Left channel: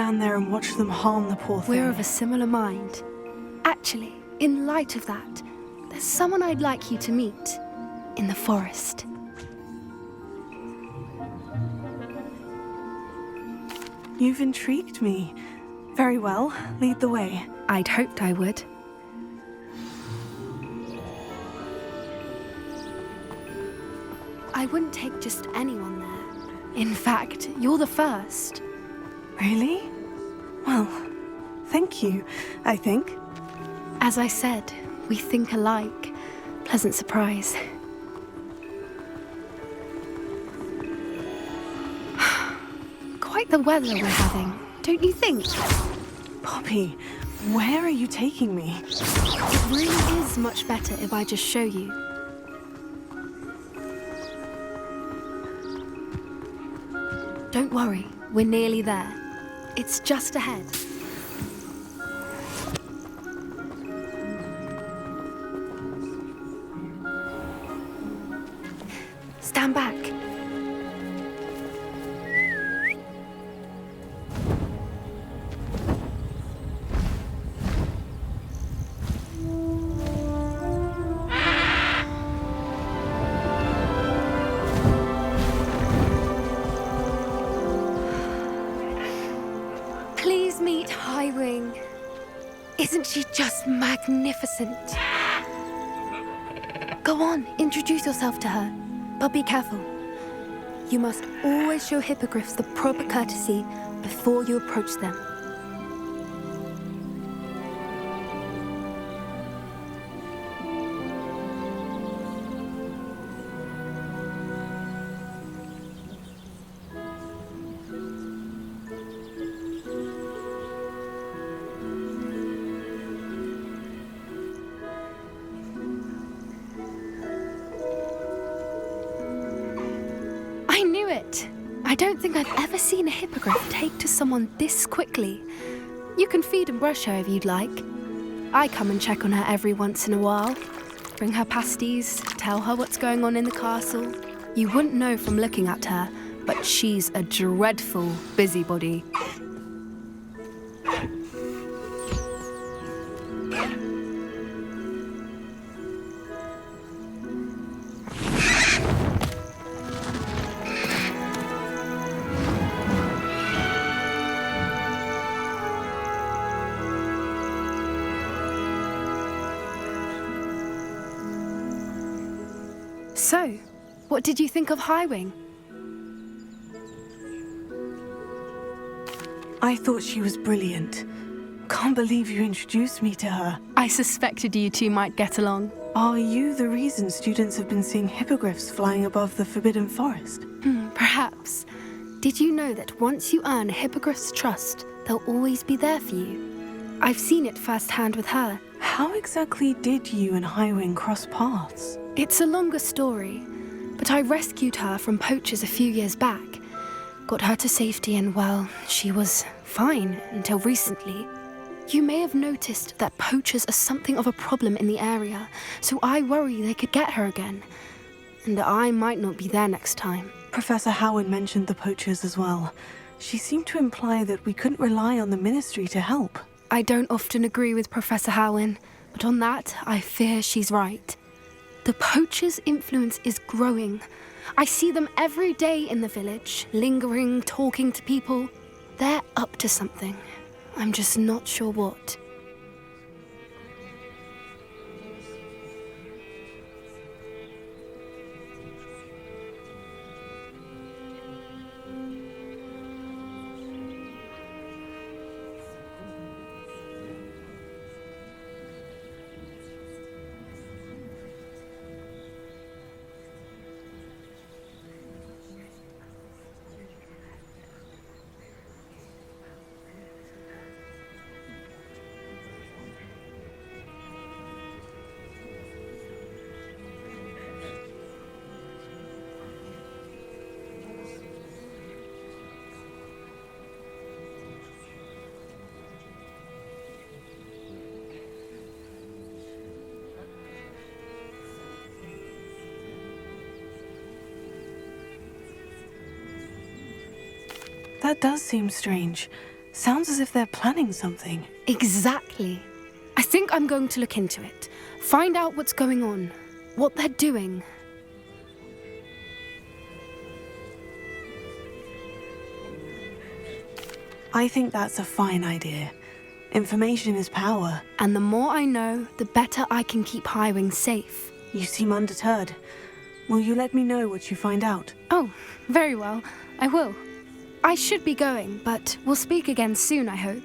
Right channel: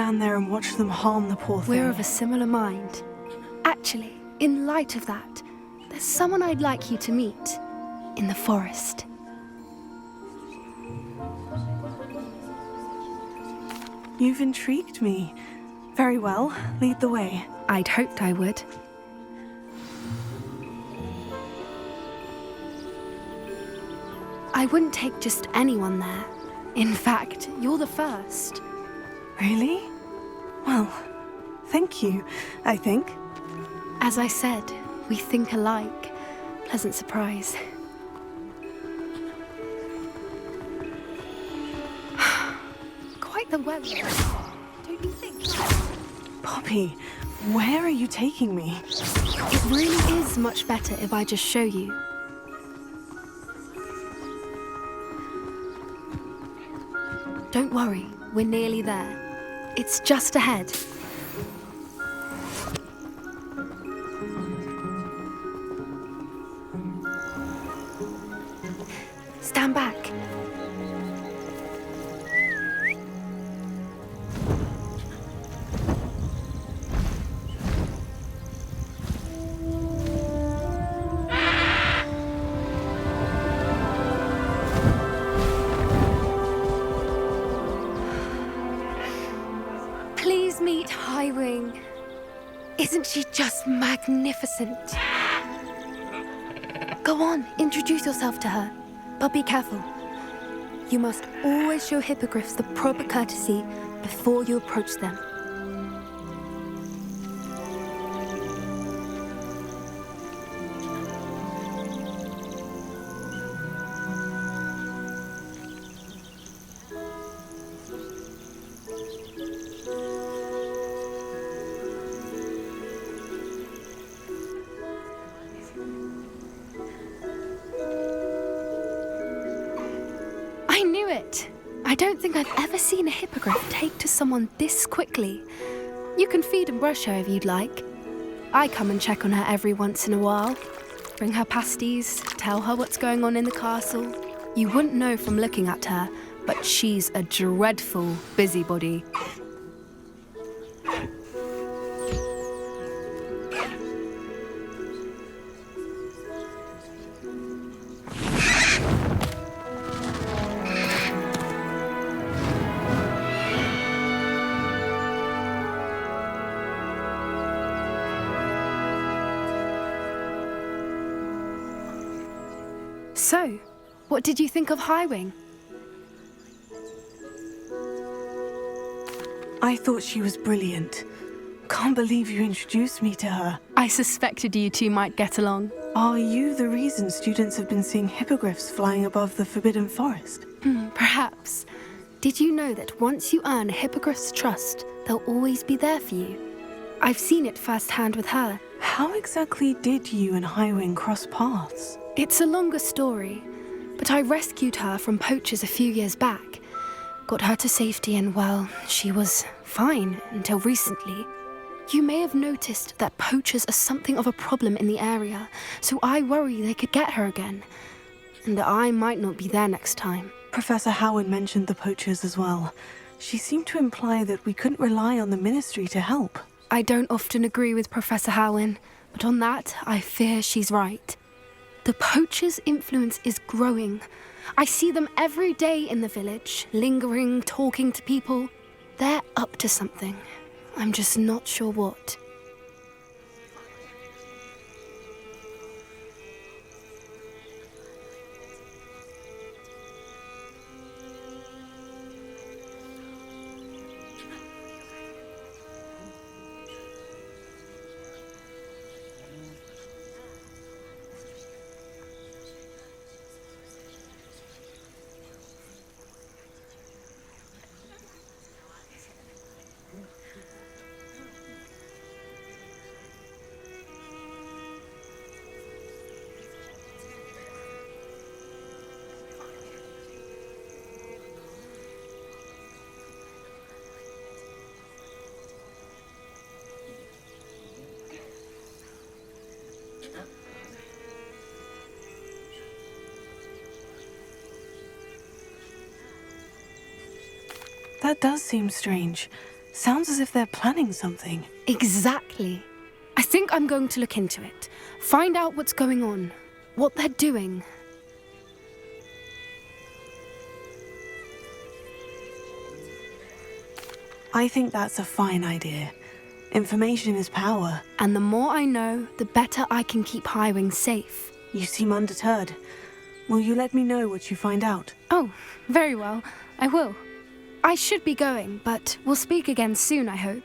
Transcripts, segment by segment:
stand there and watch them harm the poor thing. We're of a similar mind. Actually, in light of that, there's someone I'd like you to meet in the forest. You've intrigued me. Very well, lead the way. I'd hoped I would. I wouldn't take just anyone there. In fact, you're the first. Really? Well, thank you, I think. As I said, we think alike. Pleasant surprise. Quite the weather we're having, don't you think? Poppy, where are you taking me? It really is much better if I just show you. Don't worry, we're nearly there. It's just ahead. Stand back. Please meet Highwing. Isn't she just magnificent? Go on, introduce yourself to her. But be careful. You must always show hippogriffs the proper courtesy before you approach them. I knew it! I don't think I've ever seen a hippogriff take to someone this quickly. You can feed and brush her if you'd like. I come and check on her every once in a while. Bring her pasties, tell her what's going on in the castle. You wouldn't know from looking at her, but she's a dreadful busybody. So, what did you think of Highwing? I thought she was brilliant. Can't believe you introduced me to her. I suspected you two might get along. Are you the reason students have been seeing hippogriffs flying above the Forbidden Forest? Perhaps. Did you know that once you earn a hippogriff's trust, they'll always be there for you? I've seen it firsthand with her. How exactly did you and Highwing cross paths? It's a longer story, but I rescued her from poachers a few years back. Got her to safety and, well, she was fine until recently. You may have noticed that poachers are something of a problem in the area, so I worry they could get her again. And I might not be there next time. Professor Howard mentioned the poachers as well. She seemed to imply that we couldn't rely on the ministry to help. I don't often agree with Professor Howin, but on that, I fear she's right. The poachers' influence is growing. I see them every day in the village, lingering, talking to people. They're up to something. I'm just not sure what. That does seem strange. Sounds as if they're planning something. Exactly. I think I'm going to look into it. Find out what's going on, what they're doing. I think that's a fine idea. Information is power. And the more I know, the better I can keep Highwing safe. You seem undeterred. Will you let me know what you find out? Oh, very well. I will. I should be going, but we'll speak again soon, I hope.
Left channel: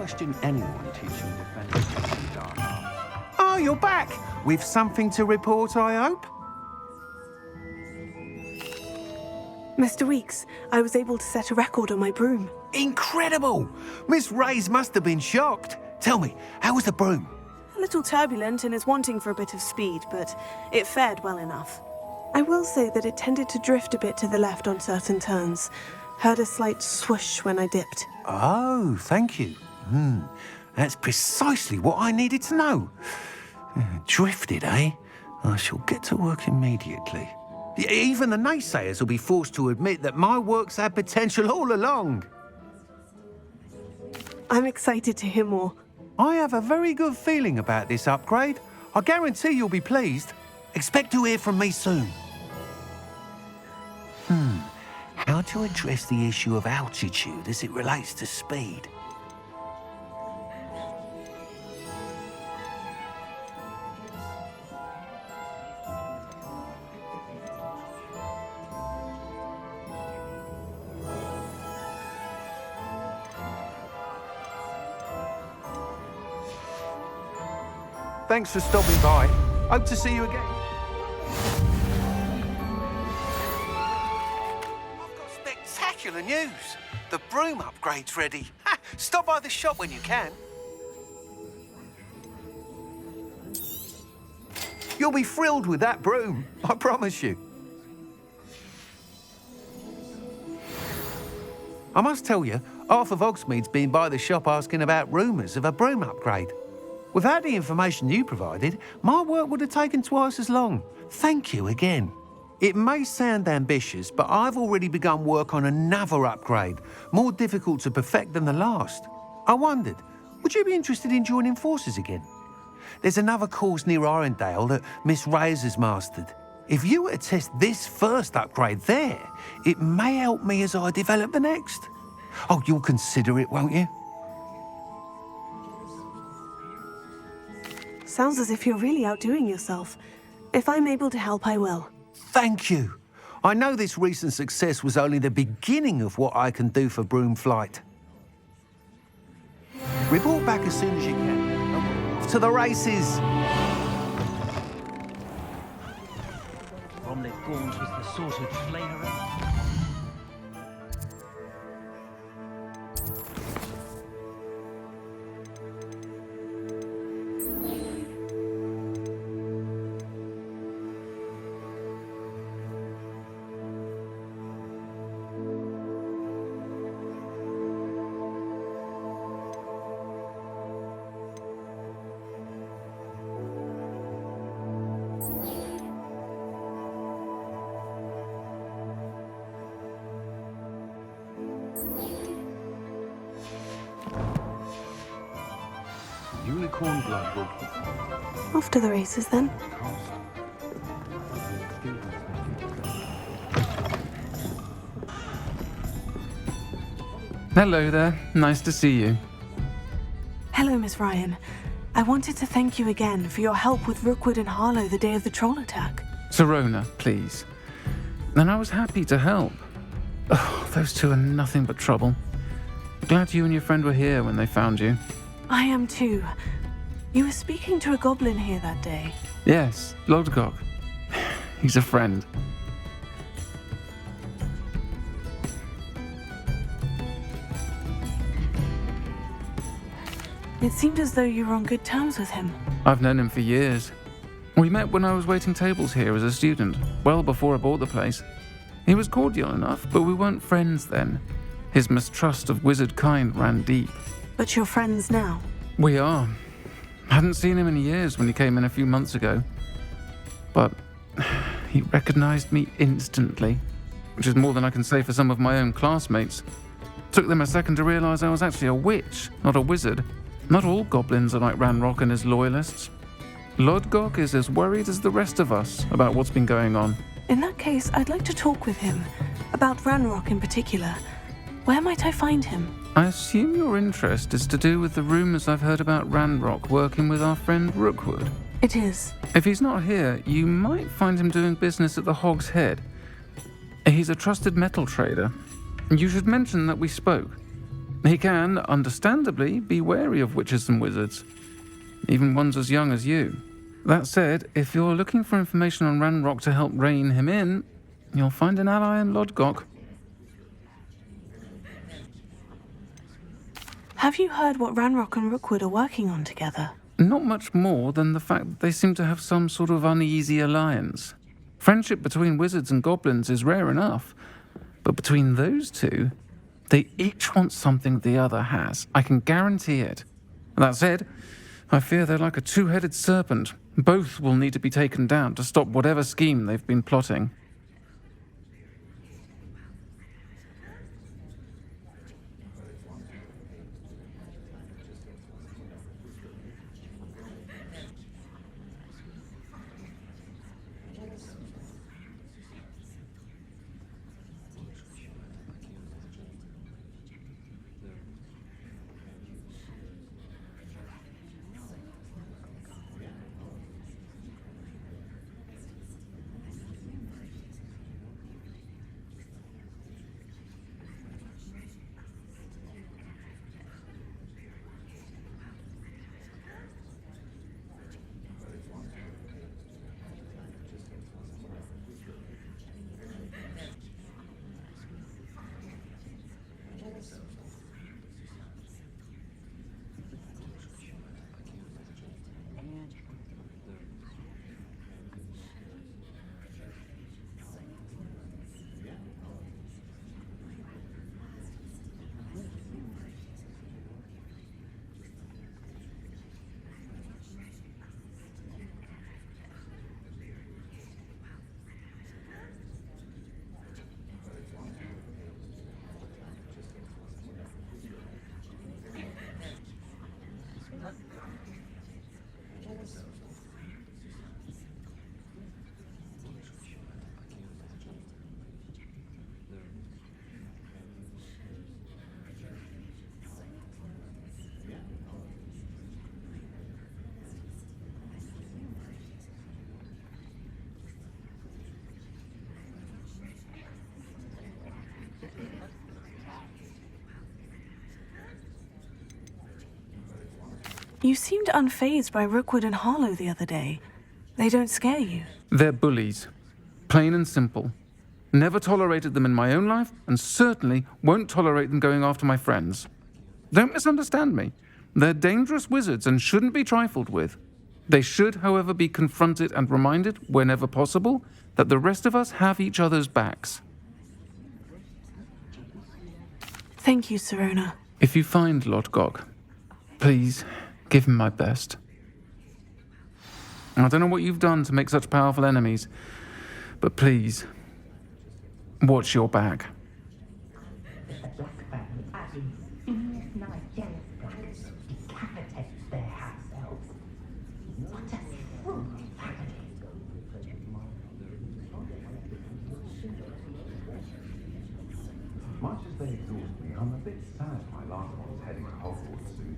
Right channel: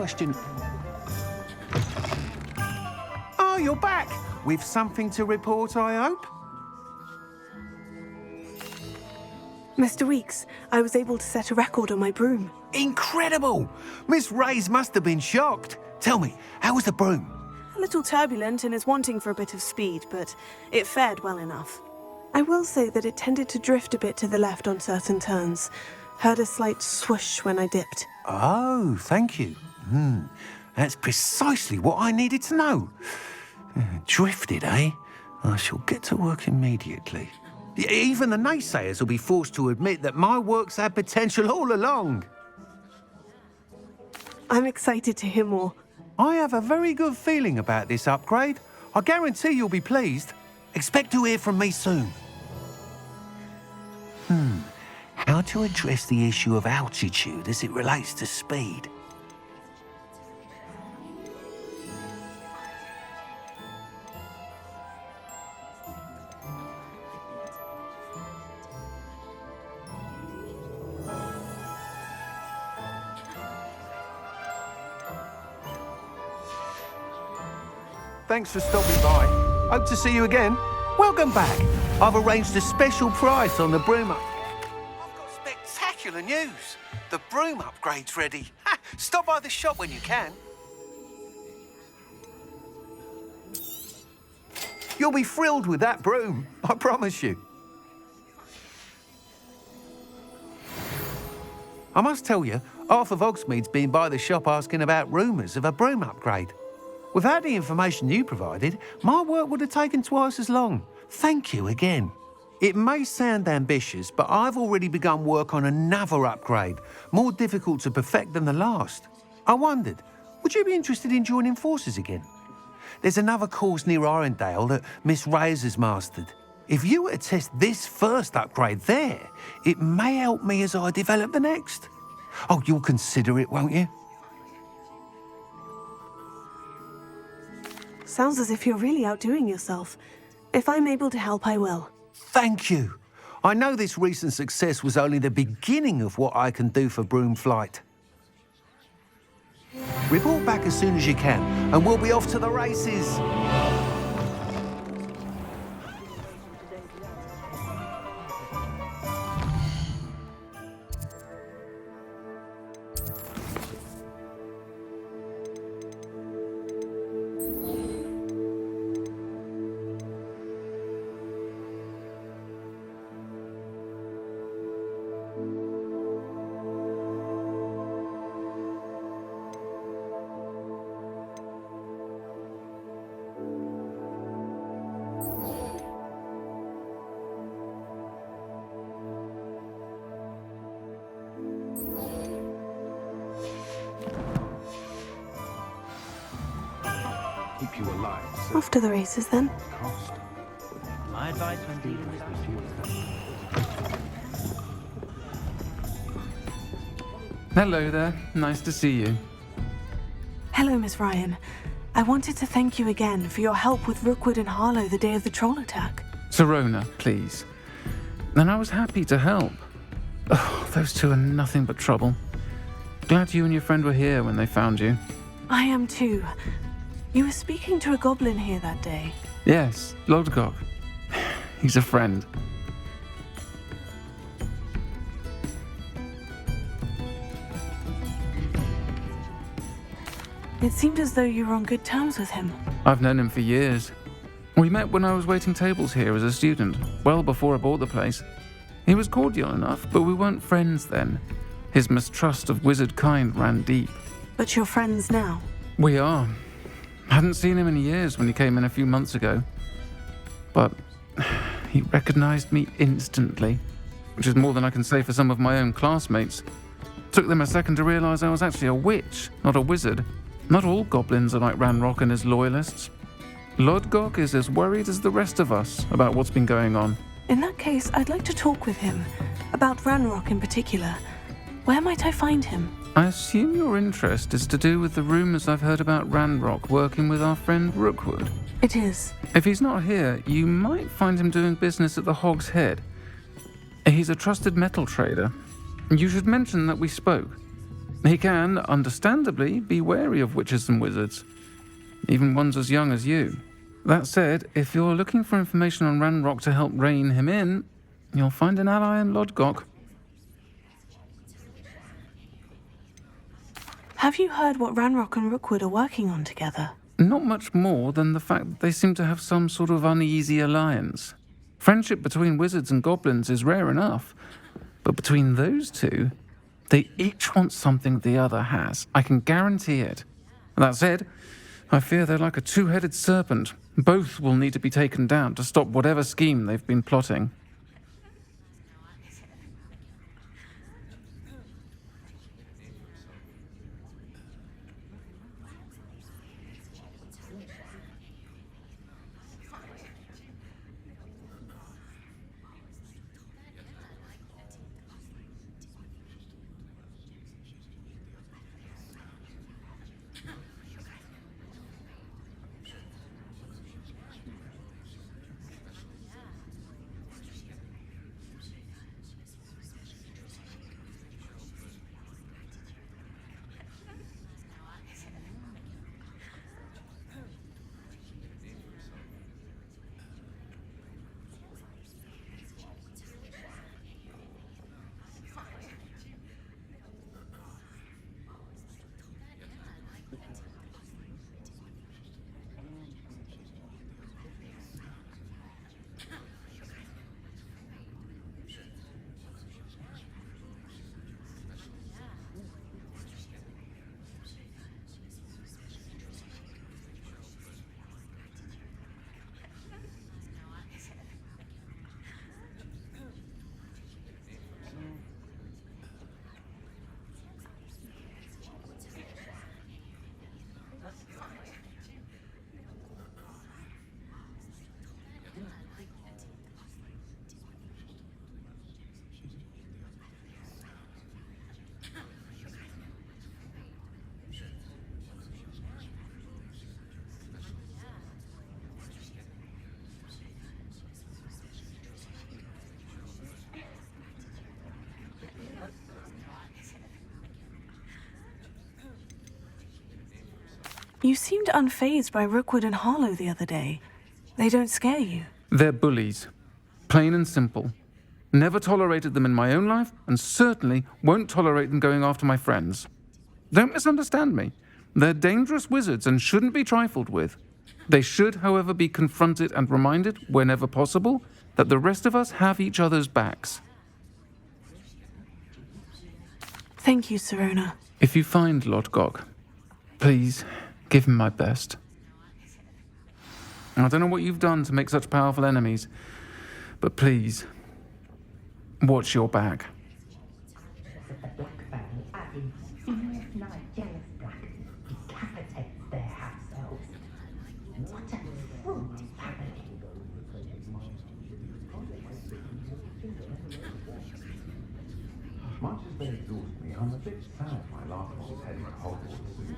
question anyone teaching. Oh, you're back! With something to report, I hope? Mr. Weeks, I was able to set a record on my broom. Incredible! Miss Reyes must have been shocked. Tell me, how was the broom? A little turbulent and is wanting for a bit of speed, but it fared well enough. I will say that it tended to drift a bit to the left on certain turns. Heard a slight swoosh when I dipped. Oh, thank you. That's precisely what I needed to know. Drifted, eh? I shall get to work immediately. Even the naysayers will be forced to admit that my work's had potential all along. I'm excited to hear more. I have a very good feeling about this upgrade. I guarantee you'll be pleased. Expect to hear from me soon. How to address the issue of altitude as it relates to speed? Thanks for stopping by. Hope to see you again. Welcome back. I've arranged a special price on the broom. I've got spectacular news. The broom upgrade's ready. Ha! Stop by the shop when you can. You'll be thrilled with that broom, I promise you. I must tell you, half of Hogsmeade's been by the shop asking about rumours of a broom upgrade. Without the information you provided, my work would have taken twice as long. Thank you again. It may sound ambitious, but I've already begun work on another upgrade, more difficult to perfect than the last. I wondered, would you be interested in joining forces again? There's another course near Arendelle that Miss Reyes has mastered. If you were to test this first upgrade there, it may help me as I develop the next. Oh, you'll consider it, won't you? Sounds as if you're really outdoing yourself. If I'm able to help, I will. Thank you. I know this recent success was only the beginning of what I can do for broom flight. Report back as soon as you can, and we'll be off to the races. Unicorn blood will keep you alive. Off to the races then. Cost. I like students that do Hello there. Nice to see you. Hello, Miss Ryan. I wanted to thank you again for your help with Rookwood and Harlow the day of the troll attack. Serona, please. And I was happy to help. Oh, those two are nothing but trouble. Glad you and your friend were here when they found you. I am too. You were speaking to a goblin here that day. Yes, Lodgok. He's a friend. It seemed as though you were on good terms with him. I've known him for years. We met when I was waiting tables here as a student, well before I bought the place. He was cordial enough, but we weren't friends then. His mistrust of wizard kind ran deep. But you're friends now. We are. Hadn't seen him in years when he came in a few months ago. But he recognized me instantly, which is more than I can say for some of my own classmates. Took them a second to realize I was actually a witch, not a wizard. Not all goblins are like Ranrock and his loyalists. Lodgok is as worried as the rest of us about what's been going on. In that case, I'd like to talk with him. About Ranrock in particular. Where might I find him? I assume your interest is to do with the rumors I've heard about Ranrock working with our friend Rookwood. It is. If he's not here, you might find him doing business at the Hog's Head. He's a trusted metal trader. You should mention that we spoke. He can, understandably, be wary of witches and wizards, even ones as young as you. That said, if you're looking for information on Ranrock to help rein him in, you'll find an ally in Lodgok. Have you heard what Ranrock and Rookwood are working on together? Not much more than the fact that they seem to have some sort of uneasy alliance. Friendship between wizards and goblins is rare enough, but between those two, they each want something the other has. I can guarantee it. That said, I fear they're like a two-headed serpent. Both will need to be taken down to stop whatever scheme they've been plotting. You seemed unfazed by Rookwood and Harlow the other day. They don't scare you. They're bullies. Plain and simple. Never tolerated them in my own life, and certainly won't tolerate them going after my friends. Don't misunderstand me. They're dangerous wizards and shouldn't be trifled with. They should, however, be confronted and reminded, whenever possible, that the rest of us have each other's backs. Thank you, Sirona. If you find Lodgok, please give him my best. I don't know what you've done to make such powerful enemies, but please, watch your back. The Black family are ingenious, jealous black, decapitate their house elves. What a fruity family. Much as they exhaust me, I'm a bit sad my last one's heading to Hogwarts soon.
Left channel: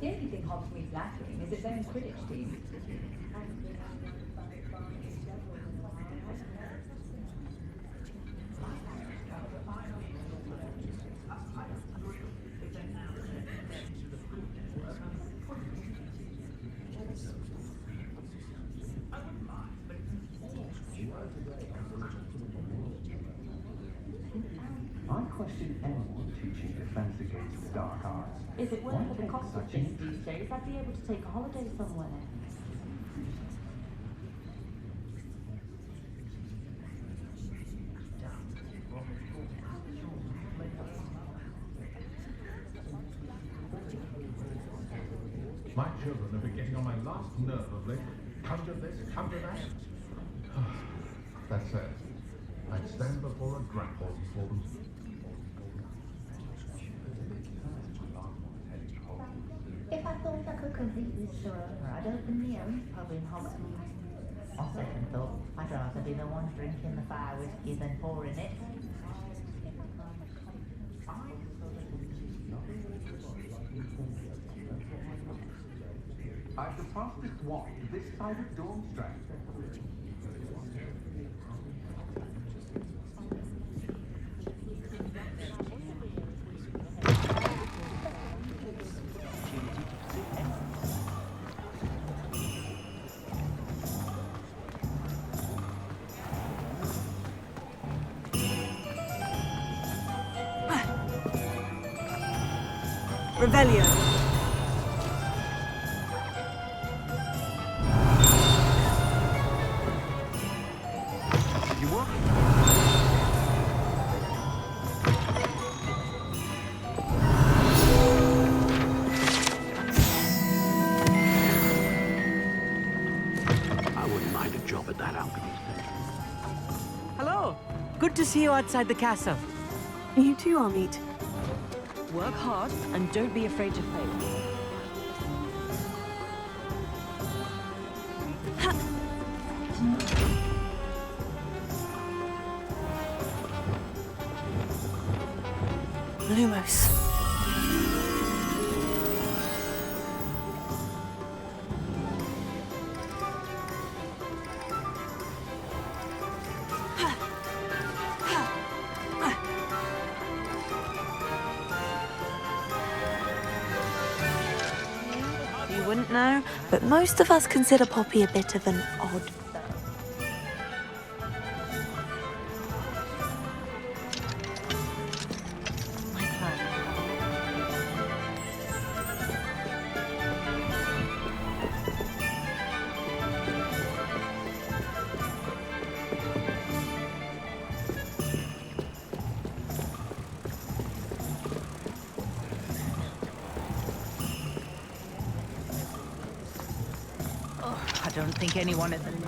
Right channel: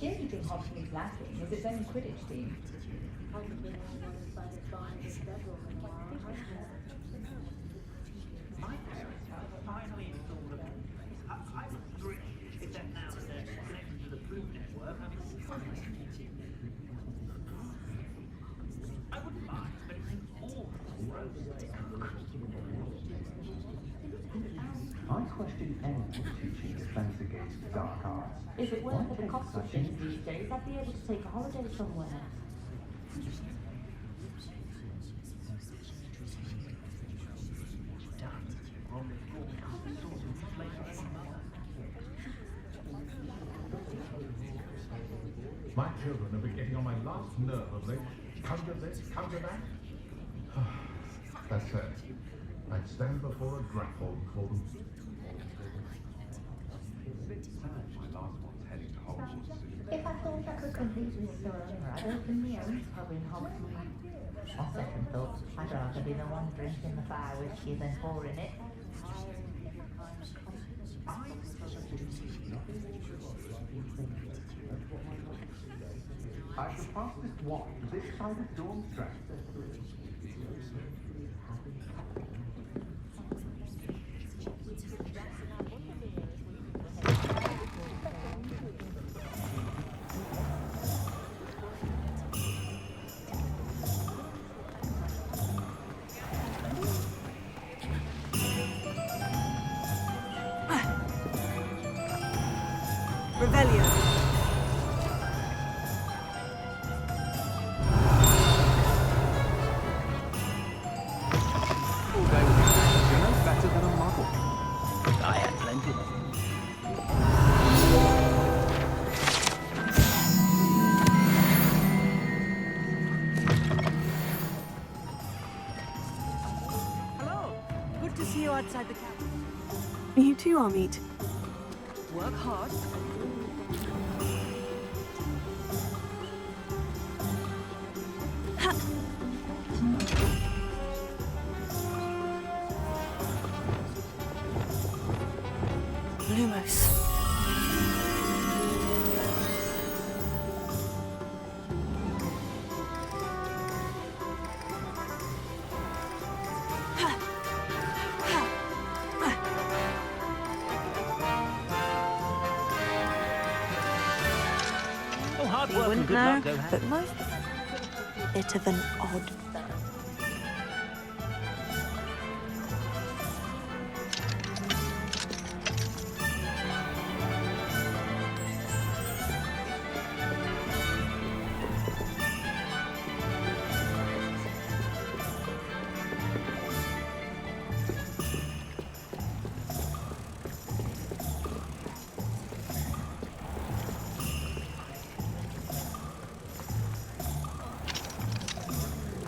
The only thing Hogsmeade's lacking is its own Quidditch team. I question anyone teaching defense against the dark arts. Is it worth Why the take cost of such things these days? I'd be able to take a holiday somewhere. My children have been getting on my last nerve of late. Come to this, come to that. That said, I'd stand before a grapple for them. If I thought I could compete with Sirona, I'd open my own pub in Hogsmeade. On second thought, I'd rather be the one drinking the fire whiskey than pouring it. I shall pass this wand this side of Dormstrand. Revelio. Hello. Good to see you outside the castle. You too, Amit. Work hard and don't be afraid to fail. Lumos. You wouldn't know, but most of us consider Poppy a bit of an odd. I don't think anyone in the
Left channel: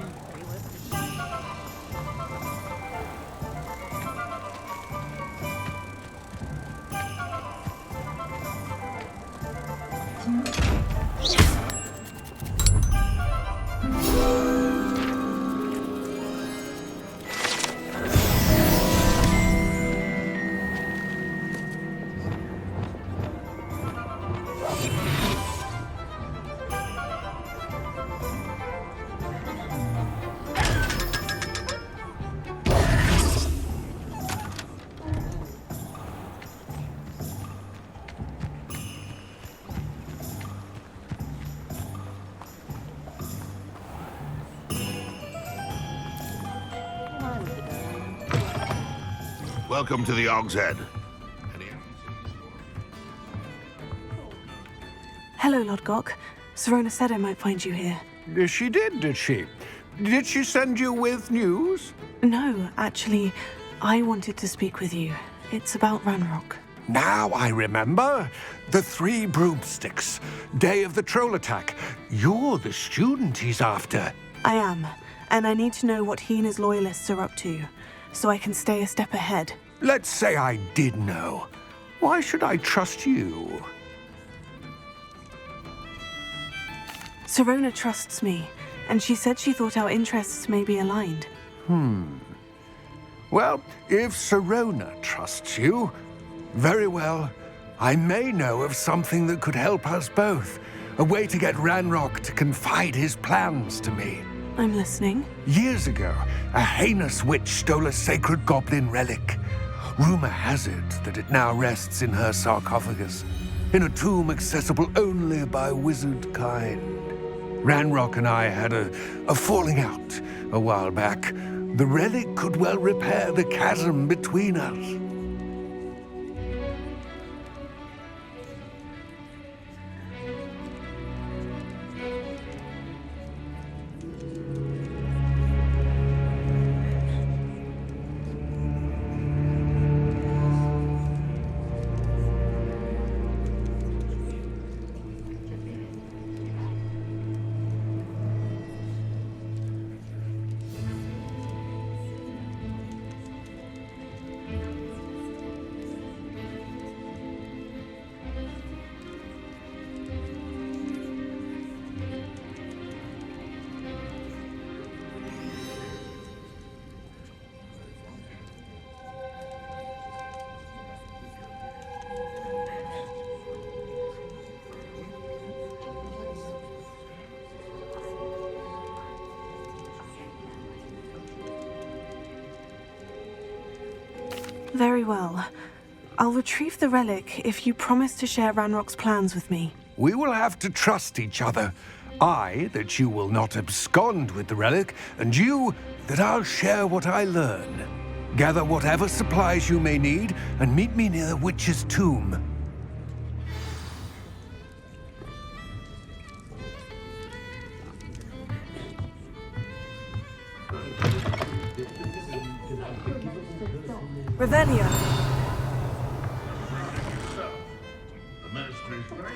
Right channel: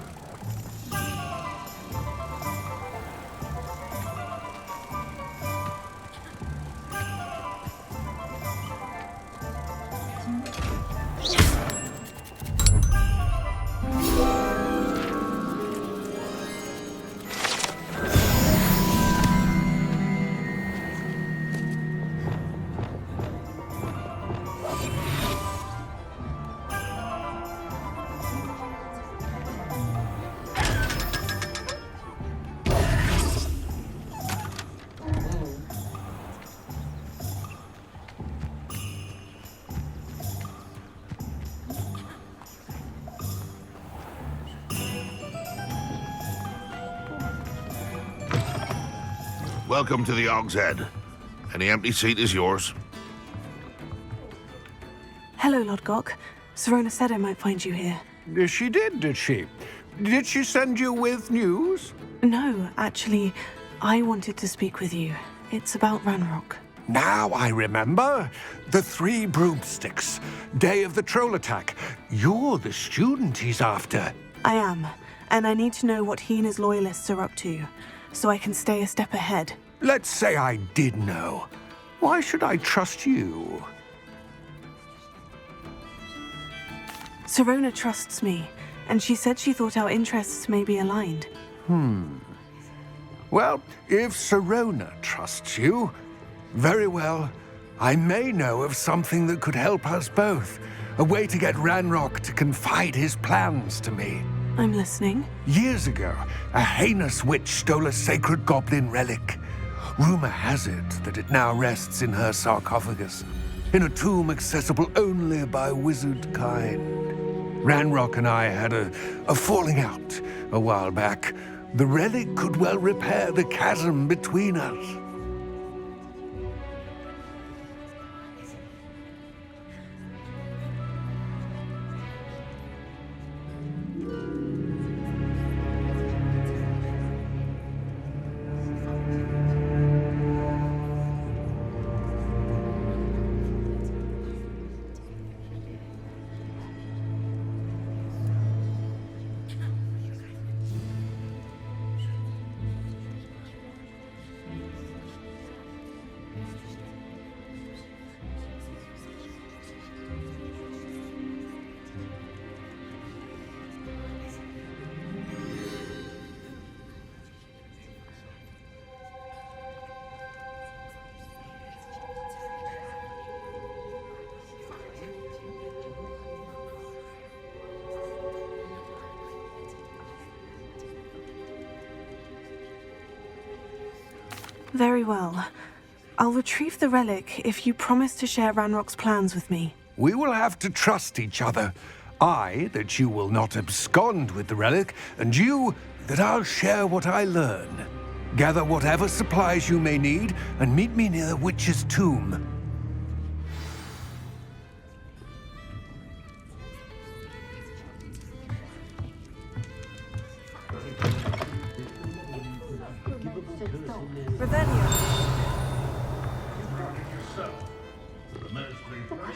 Welcome to the Og's Head. Any empty seat is yours. Hello, Lodgok. Serona said I might find you here. She did she? Did she send you with news? No, actually, I wanted to speak with you. It's about Ranrock. Now I remember. The 3 broomsticks. Day of the troll attack. You're the student he's after. I am, and I need to know what he and his loyalists are up to, so I can stay a step ahead. Let's say I did know. Why should I trust you? Serona trusts me, and she said she thought our interests may be aligned. Well, if Serona trusts you, very well. I may know of something that could help us both. A way to get Ranrock to confide his plans to me. I'm listening. Years ago, a heinous witch stole a sacred goblin relic. Rumor has it that it now rests in her sarcophagus, in a tomb accessible only by wizard kind. Ranrock and I had a falling out a while back. The relic could well repair the chasm between us. Very well. I'll retrieve the relic if you promise to share Ranrock's plans with me. We will have to trust each other. I, that you will not abscond with the relic, and you, that I'll share what I learn. Gather whatever supplies you may need, and meet me near the witch's tomb. Revelio. So, the ministry's right.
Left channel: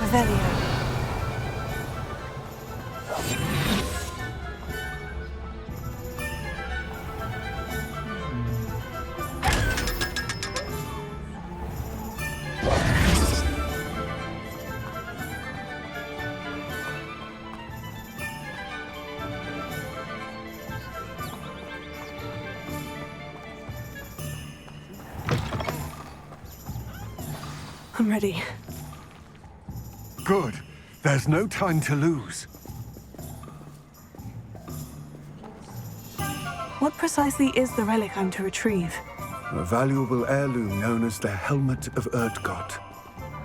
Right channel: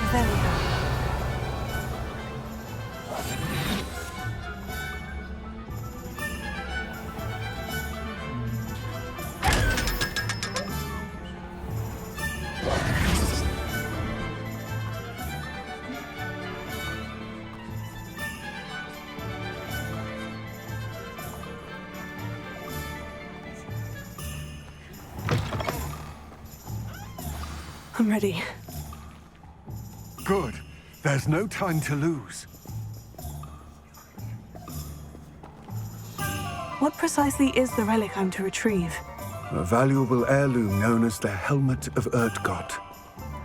Revelio. I'm ready. Good. There's no time to lose. What precisely is the relic I'm to retrieve? A valuable heirloom known as the Helmet of Urtgott.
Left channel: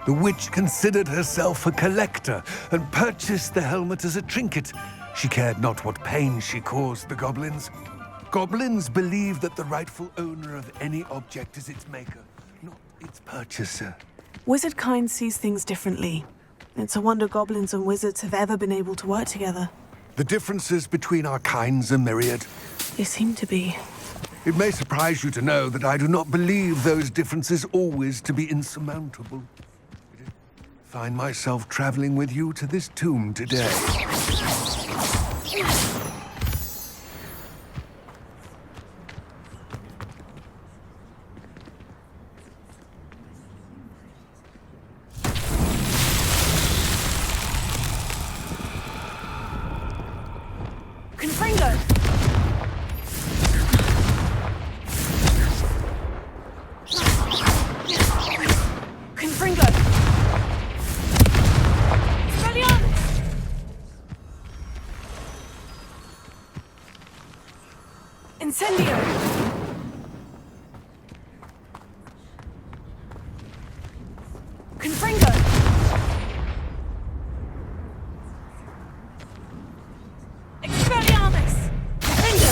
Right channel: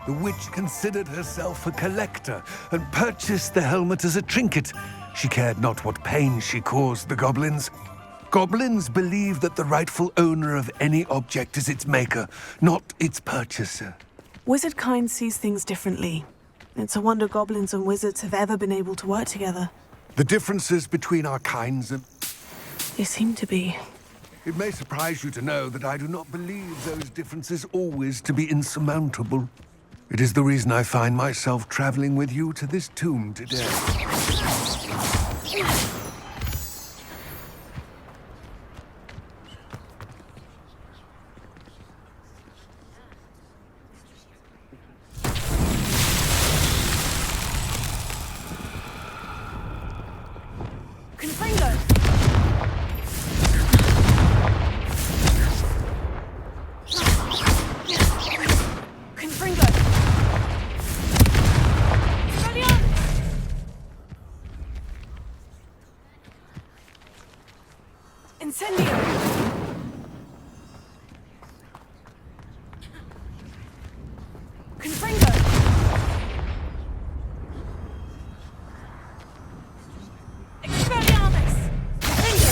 The witch considered herself a collector and purchased the helmet as a trinket. She cared not what pain she caused the goblins. Goblins believe that the rightful owner of any object is its maker, not its purchaser. Wizard kind sees things differently. It's a wonder goblins and wizards have ever been able to work together. The differences between our kinds are myriad. They seem to be. It may surprise you to know that I do not believe those differences always to be insurmountable. It is the reason I find myself traveling with you to this tomb today. Confringo! Confringo! Expelliarmus! Incendio! Confringo! Expelliarmus! Confringo!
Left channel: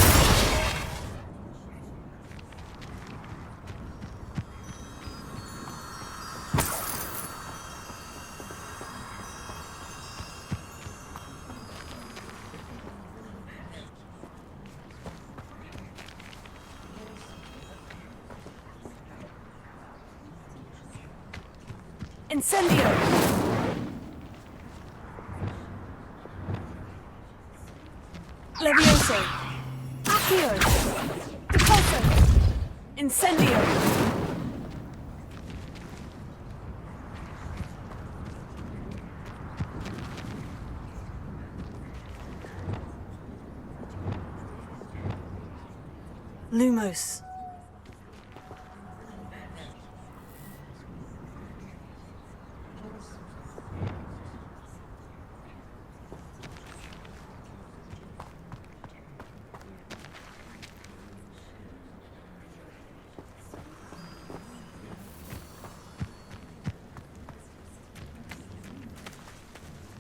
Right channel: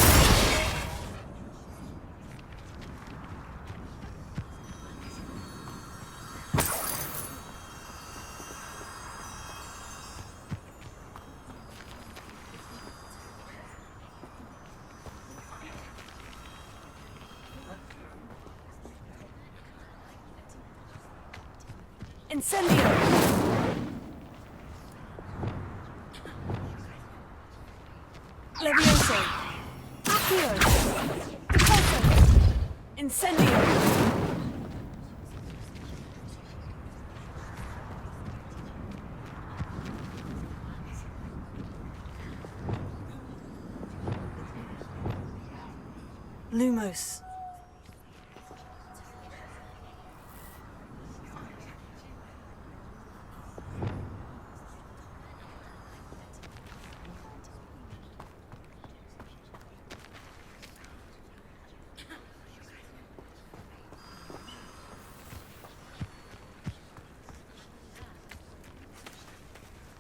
Incendio! Levioso! Accio! Repulso! Incendio! Lumos!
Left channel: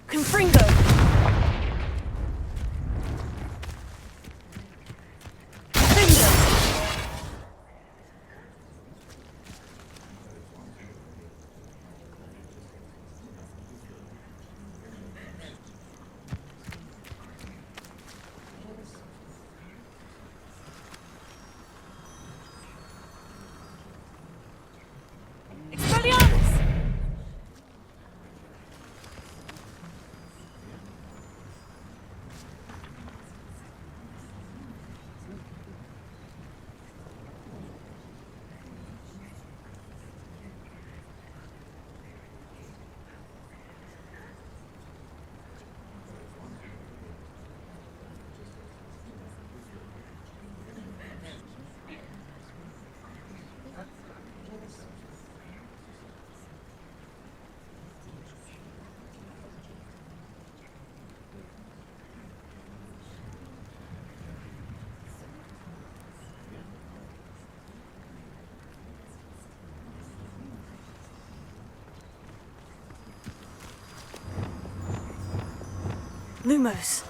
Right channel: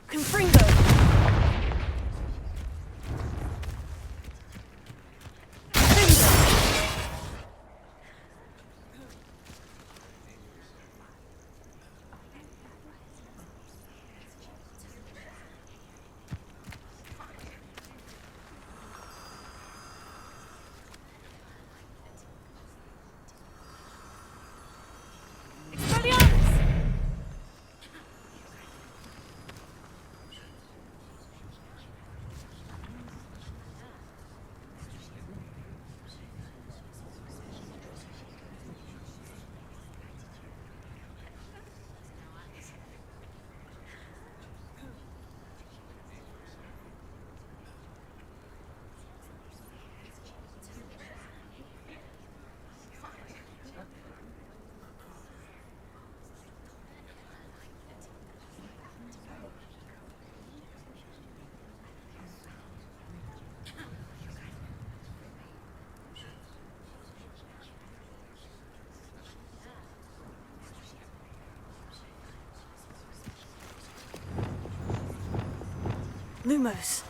Confringo! Confringo! Lumos.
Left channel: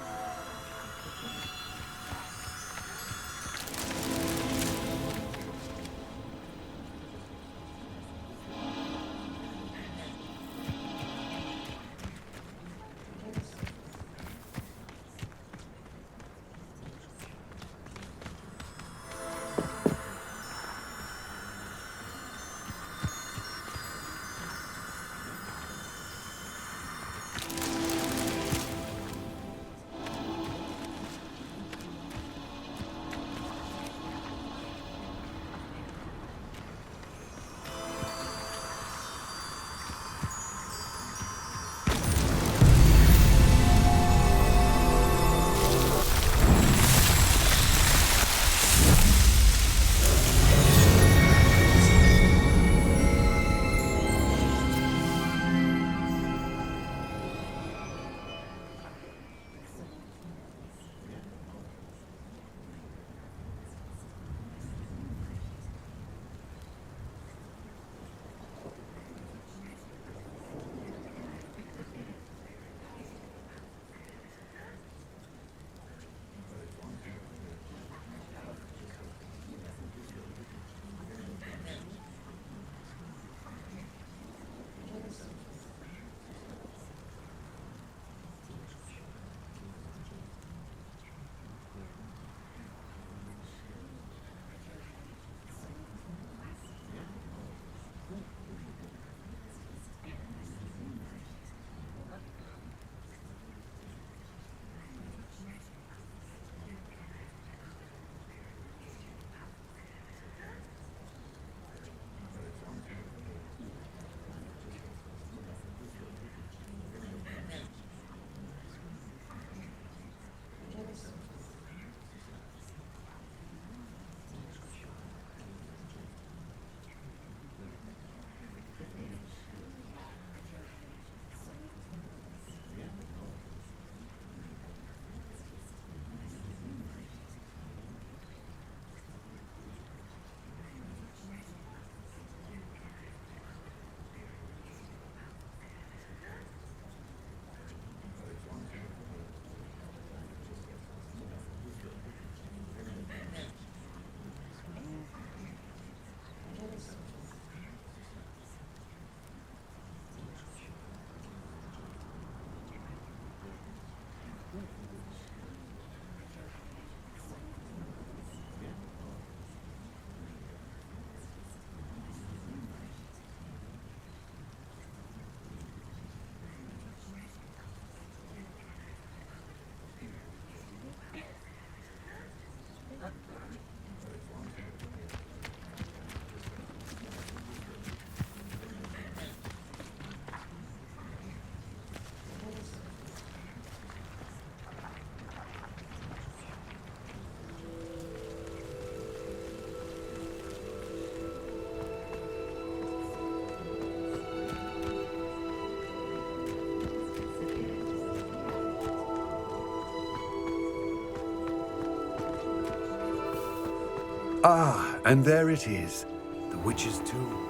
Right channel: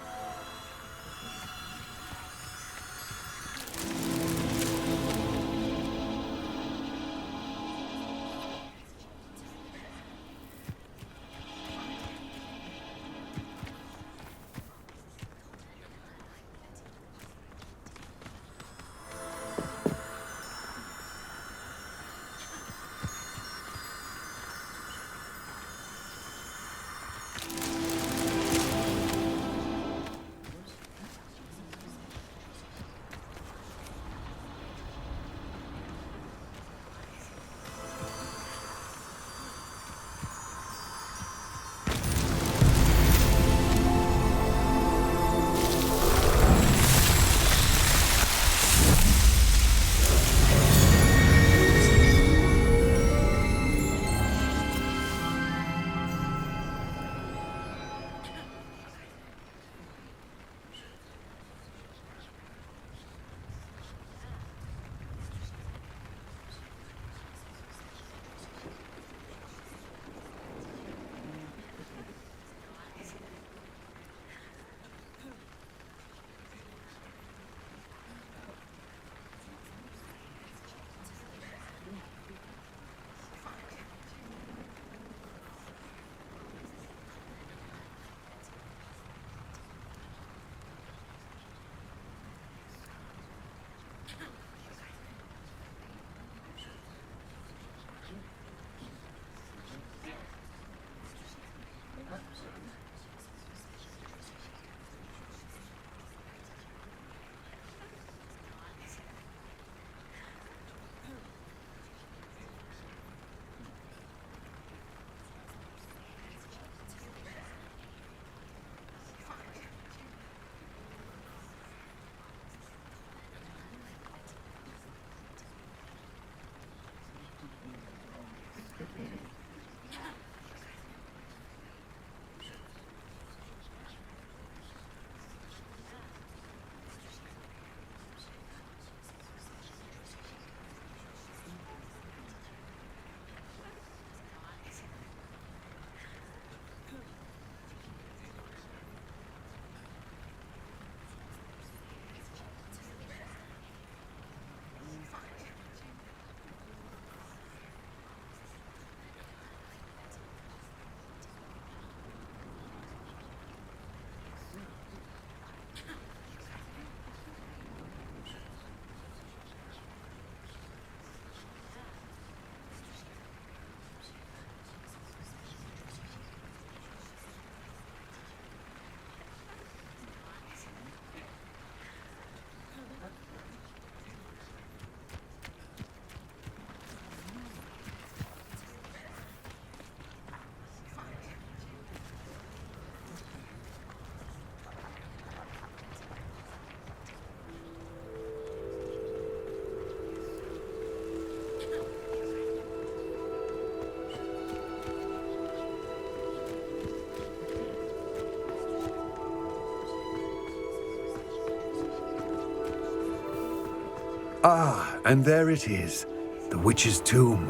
Ah, and there it is, the witch's tomb.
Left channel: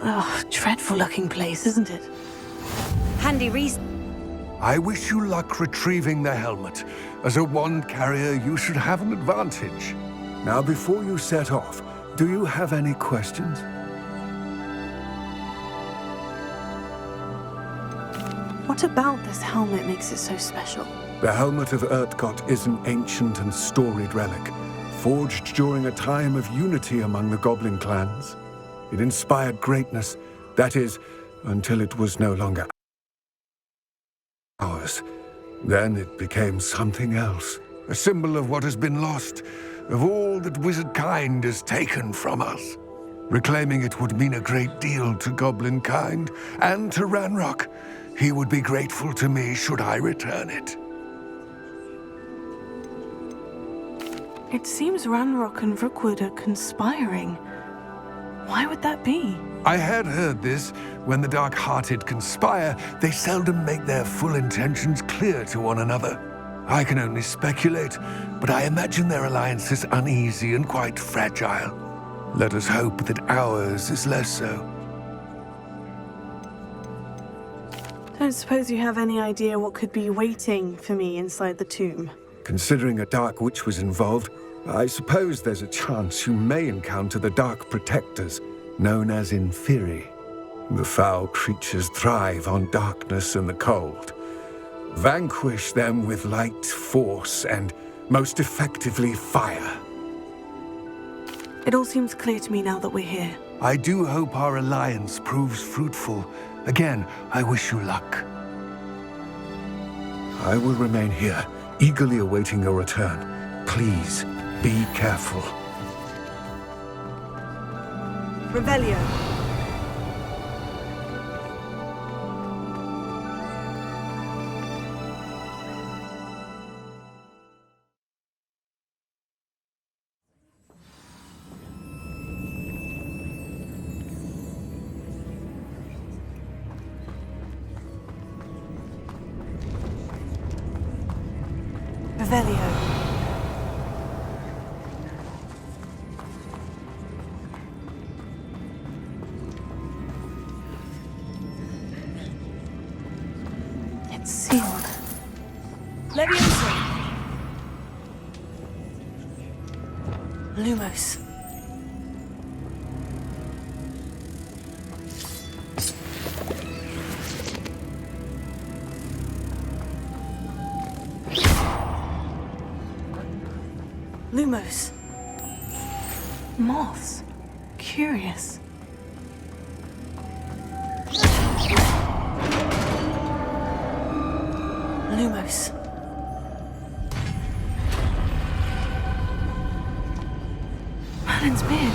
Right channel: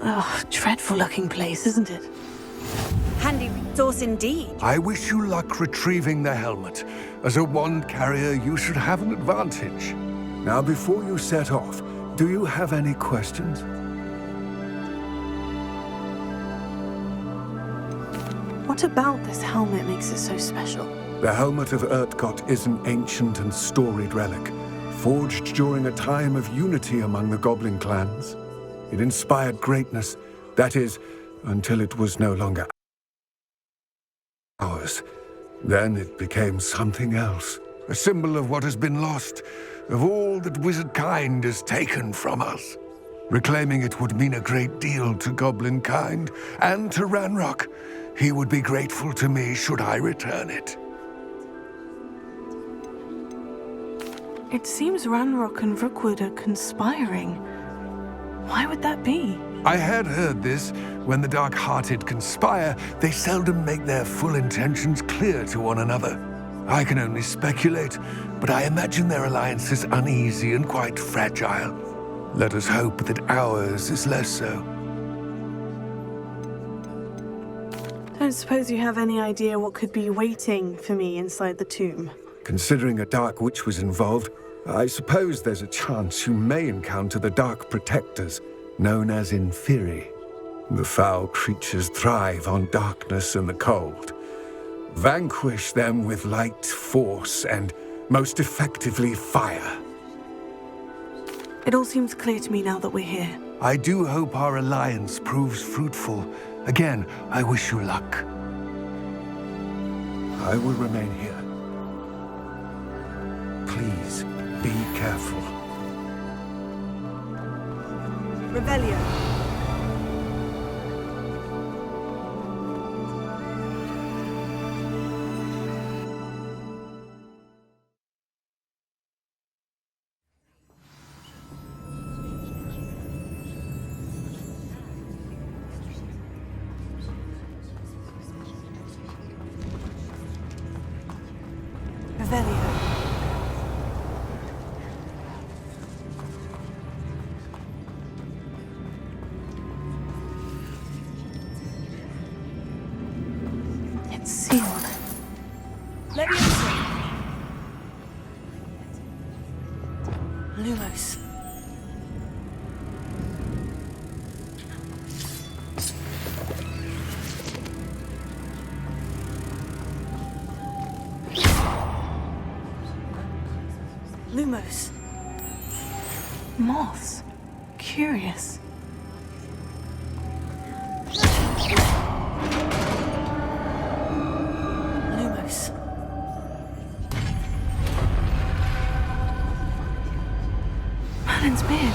Oh, dreadful looking place, isn't it? Handy resource indeed. I wish you luck retrieving the helmet. As a wand carrier, you should have an advantage. Now, before you set off, do you have any questions? What about this helmet makes it so special? The helmet of Urtkot is an ancient and storied relic, forged during a time of unity among the goblin clans. It inspired greatness, that is, until it was no longer ours. Then it became something else, a symbol of what has been lost, of all that wizard kind has taken from us. Reclaiming it would mean a great deal to goblin kind, and to Ranrock. He would be grateful to me should I return it. It seems Ranrock and Rookwood are conspiring. Why would that be? I had heard this. When the dark-hearted conspire, they seldom make their full intentions clear to one another. I can only speculate, but I imagine their alliance is uneasy and quite fragile. Let us hope that ours is less so. Don't suppose you have any idea what could be waiting for me inside the tomb? Considering a Dark Witch was involved, I suppose there's a chance you may encounter the Dark Protectors, known as Inferi. The foul creatures thrive on darkness and the cold. Vanquish them with light, force, and most effectively fire. It all seems clear to me now that we're here. I do hope our alliance proves fruitful. Again, I wish you luck. I will remain here, eagerly awaiting your return. Please, be careful. Revelio. Revelio. It's sealed. Leviosa. Lumos. Lumos. Moths. Curious. Lumos. Merlin's beard.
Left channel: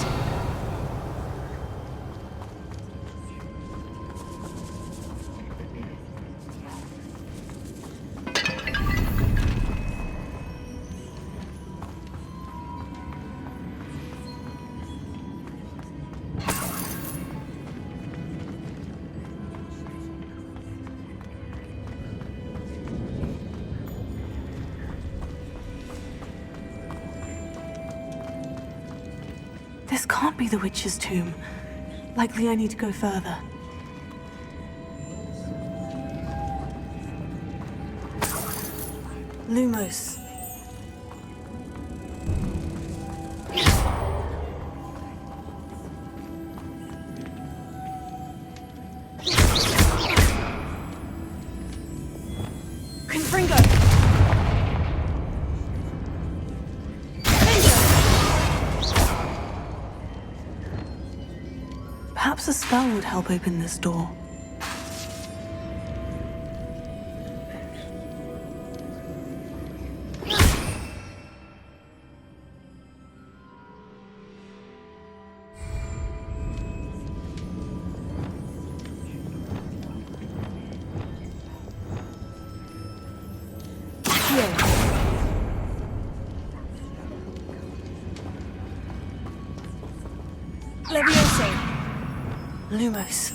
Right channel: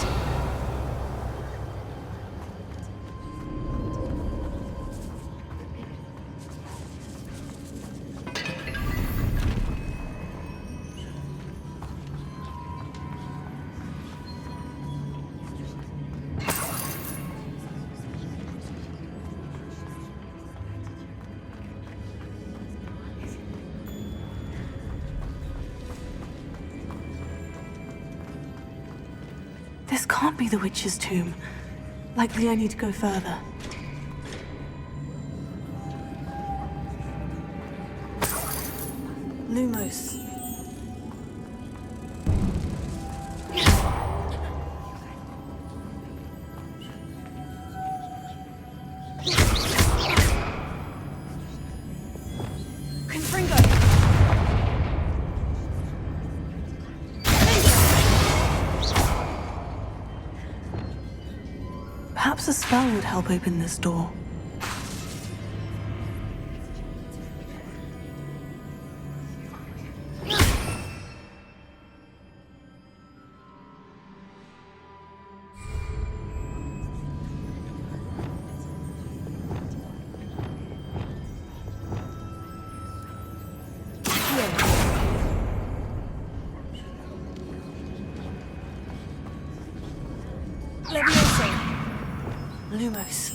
This can't be the witch's tomb. Likely I need to go further. Lumos. Confringo. Perhaps a spell would help open this door. Leviosa. Lumos.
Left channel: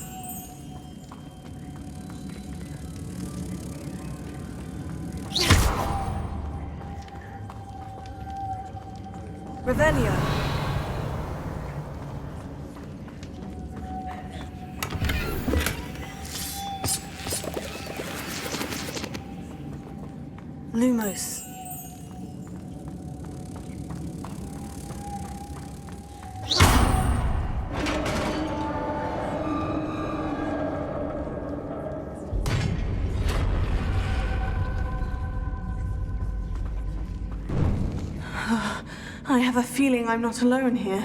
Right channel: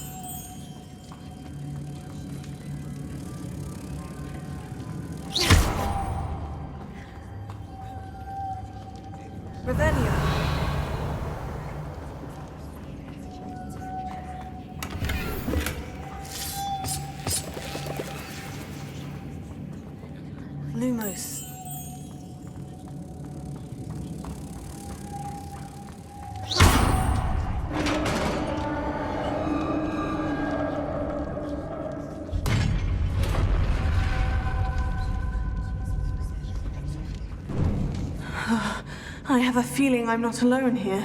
Revelio. Lumos. I have a feeling I'm not alone here.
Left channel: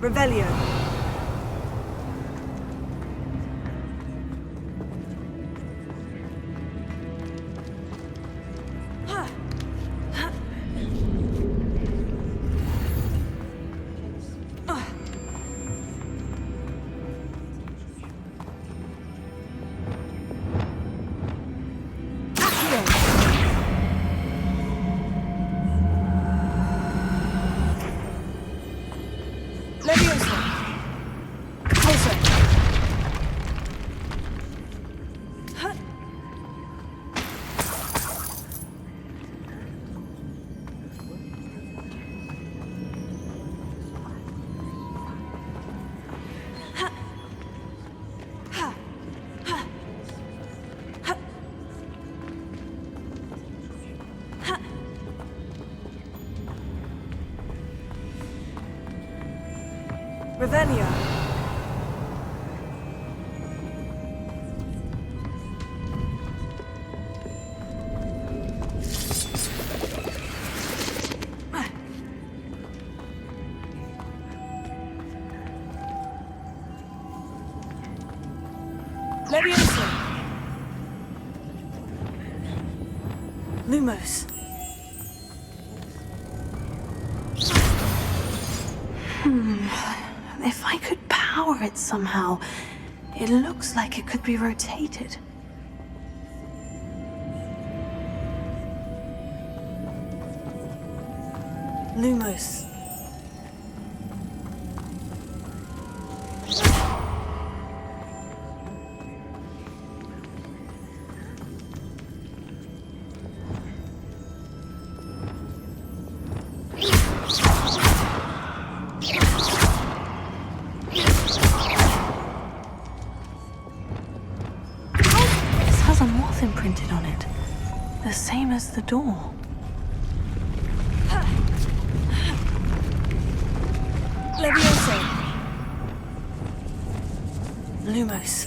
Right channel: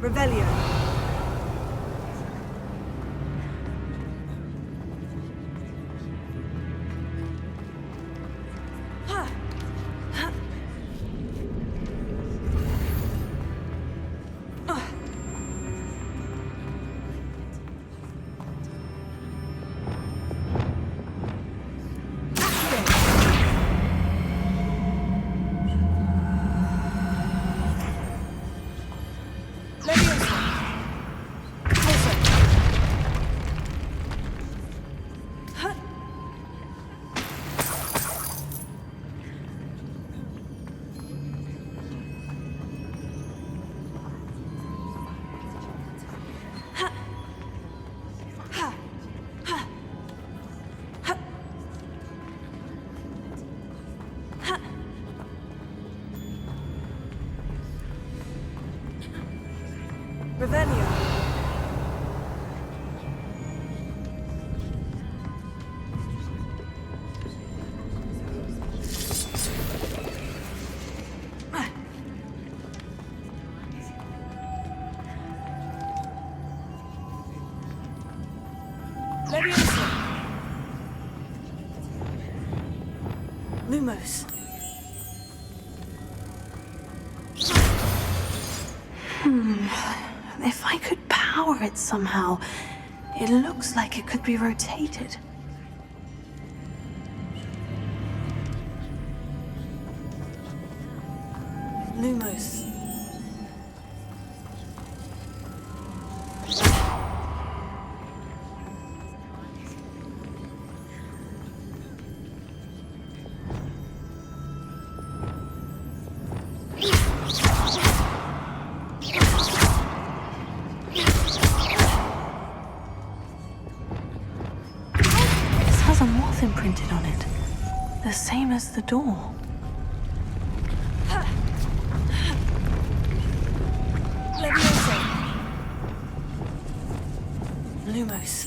Revelio. Revelio. Leviosa. Lumos. If I could power it somehow, it looks like it could be rotated. Lumos. Has a moth imprinted on it, the same as the door. Leviosa. Lumos.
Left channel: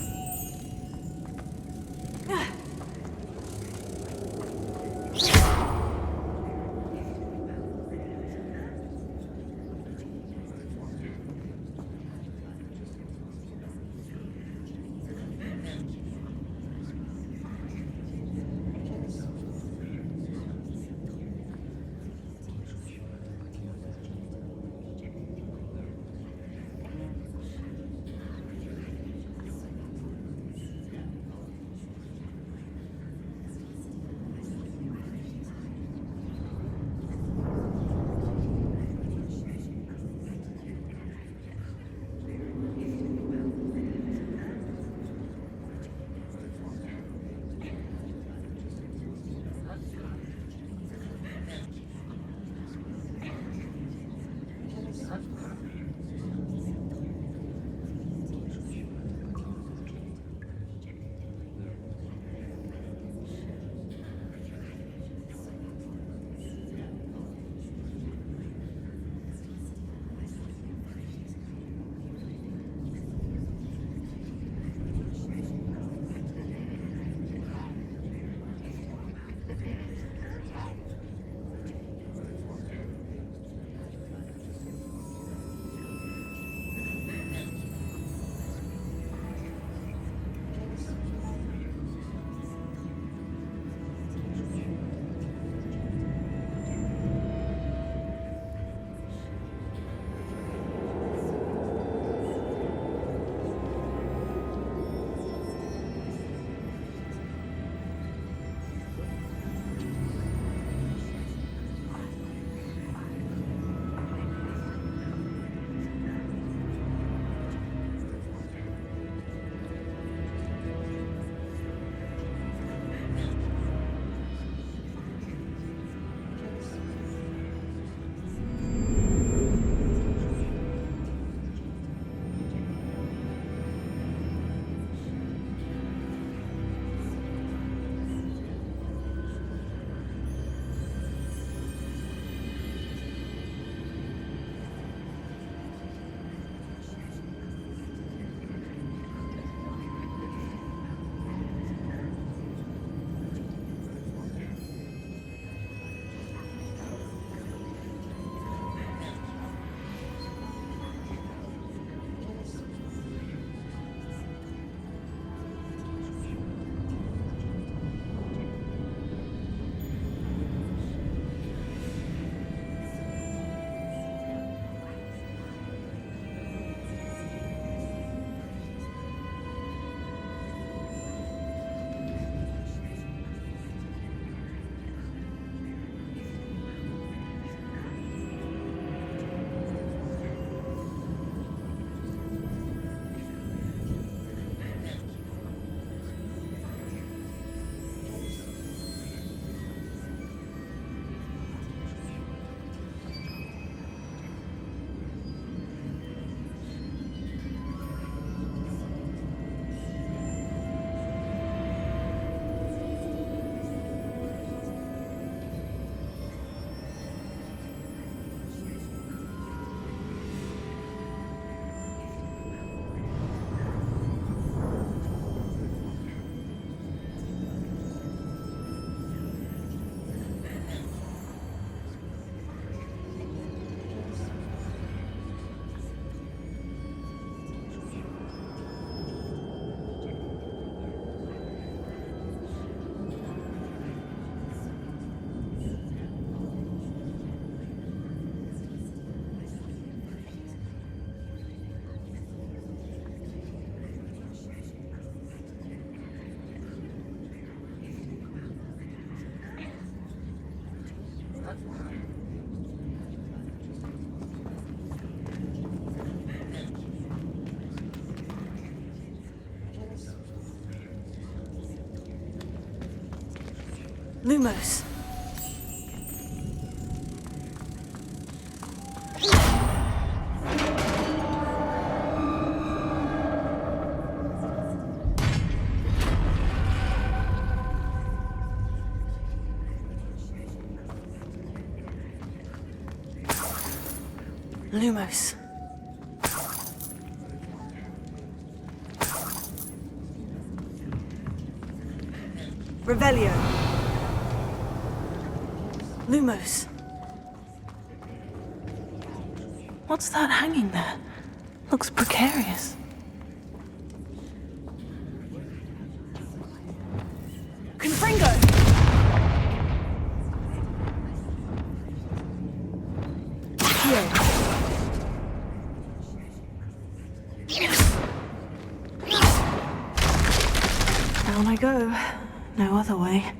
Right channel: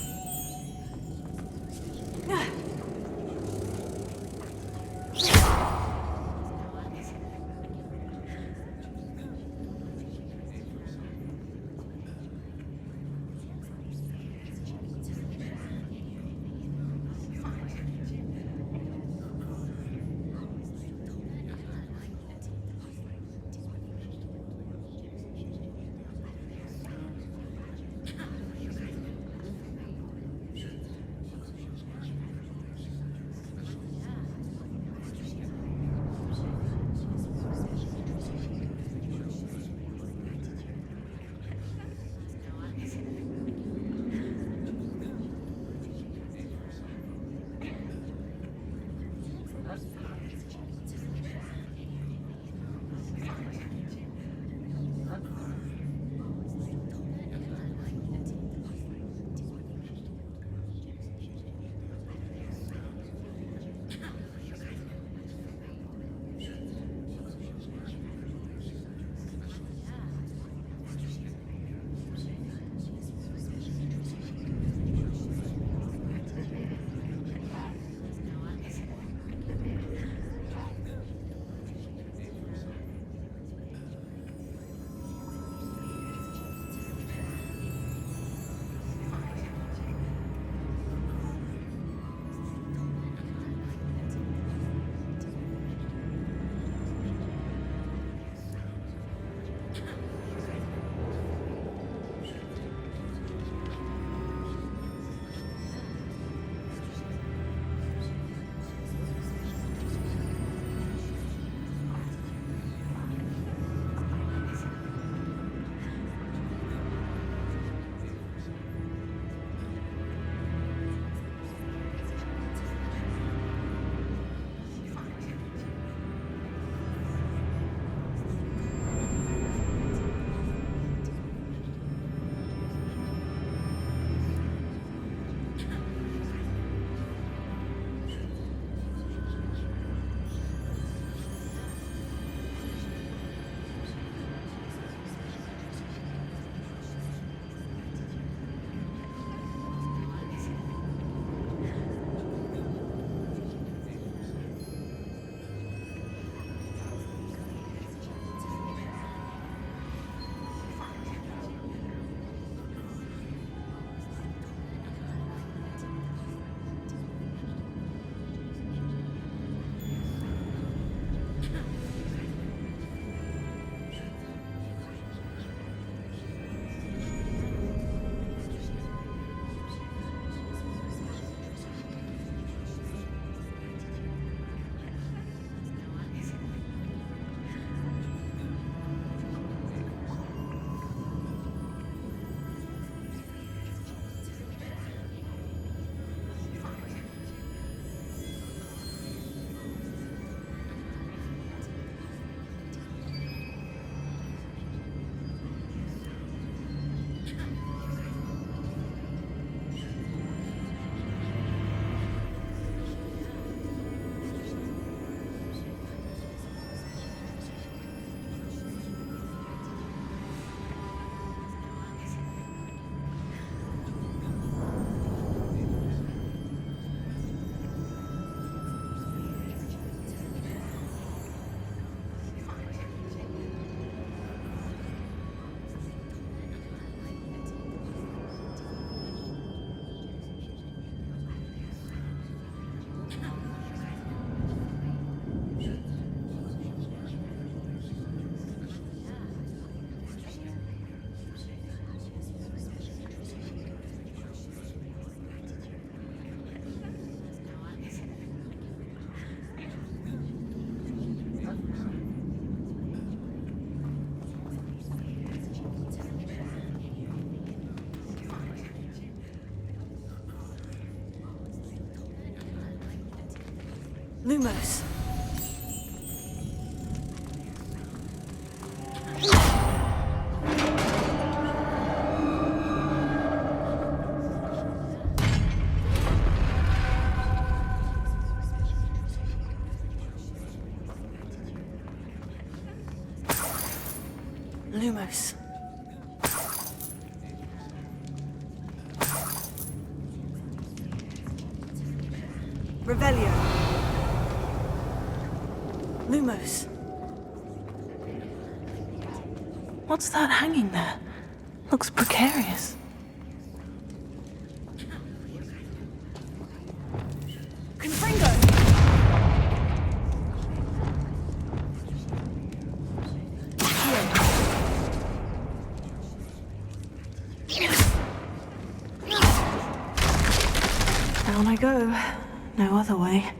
Lumos. Lumos. Revelio. Lumos. What's that hanging there? Looks precarious. Confringo! Down I go. No other way.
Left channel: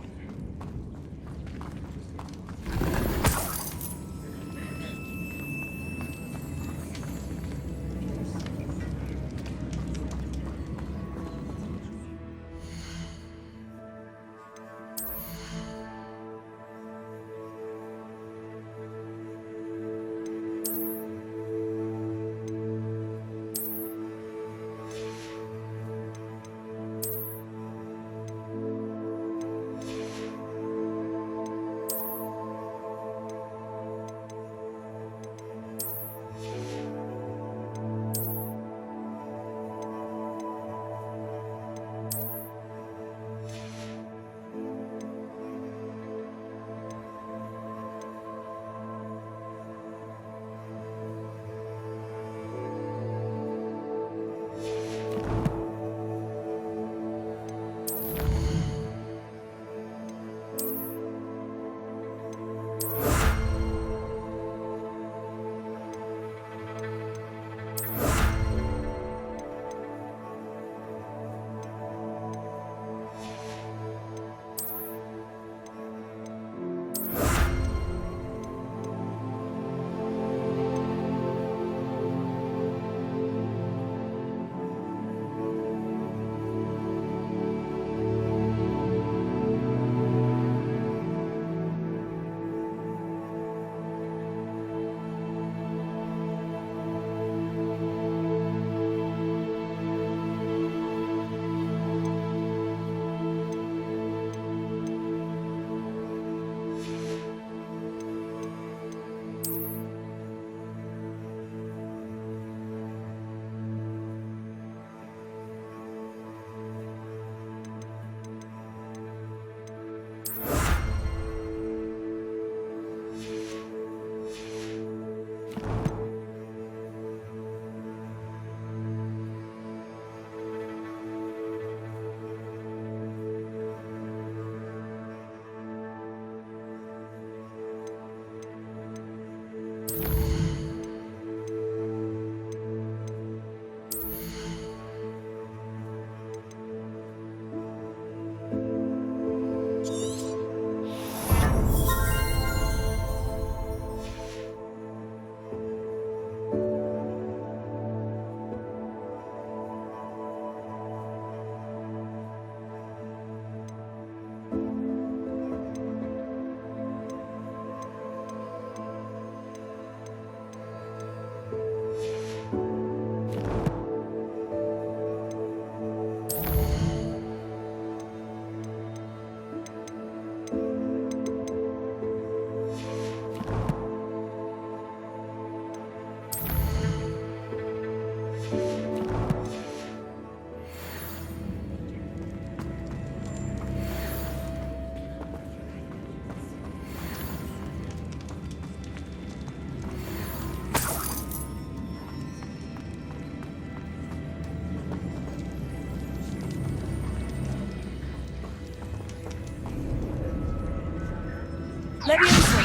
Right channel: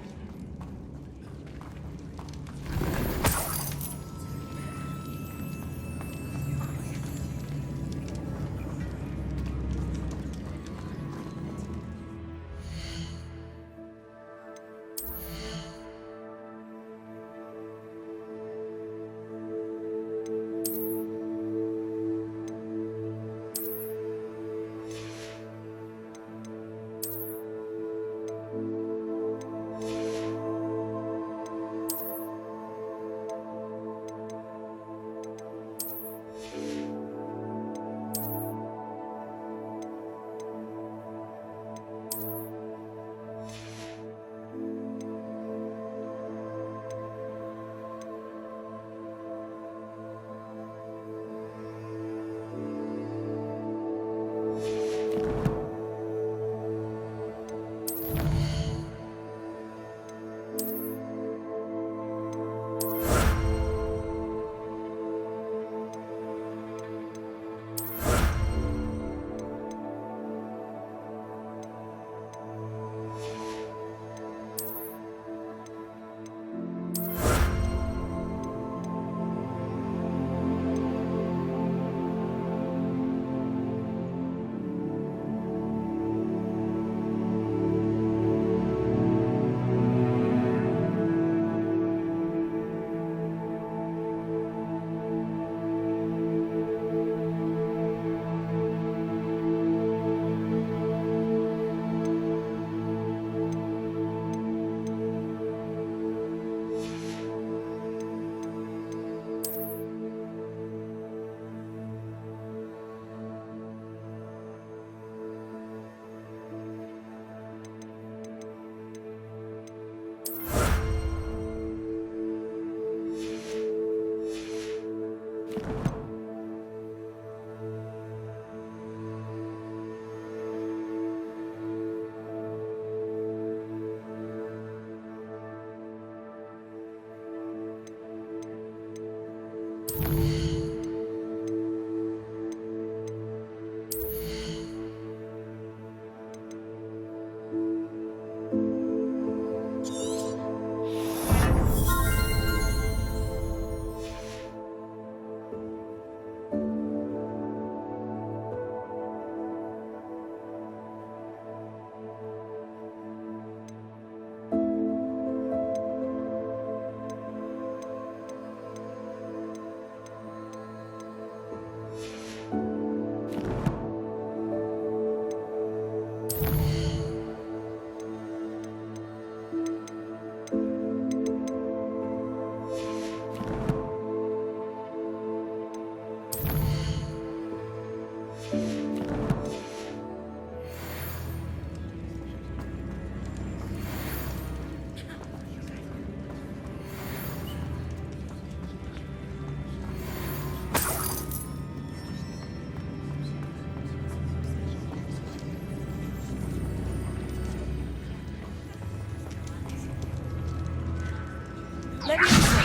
Leviosa!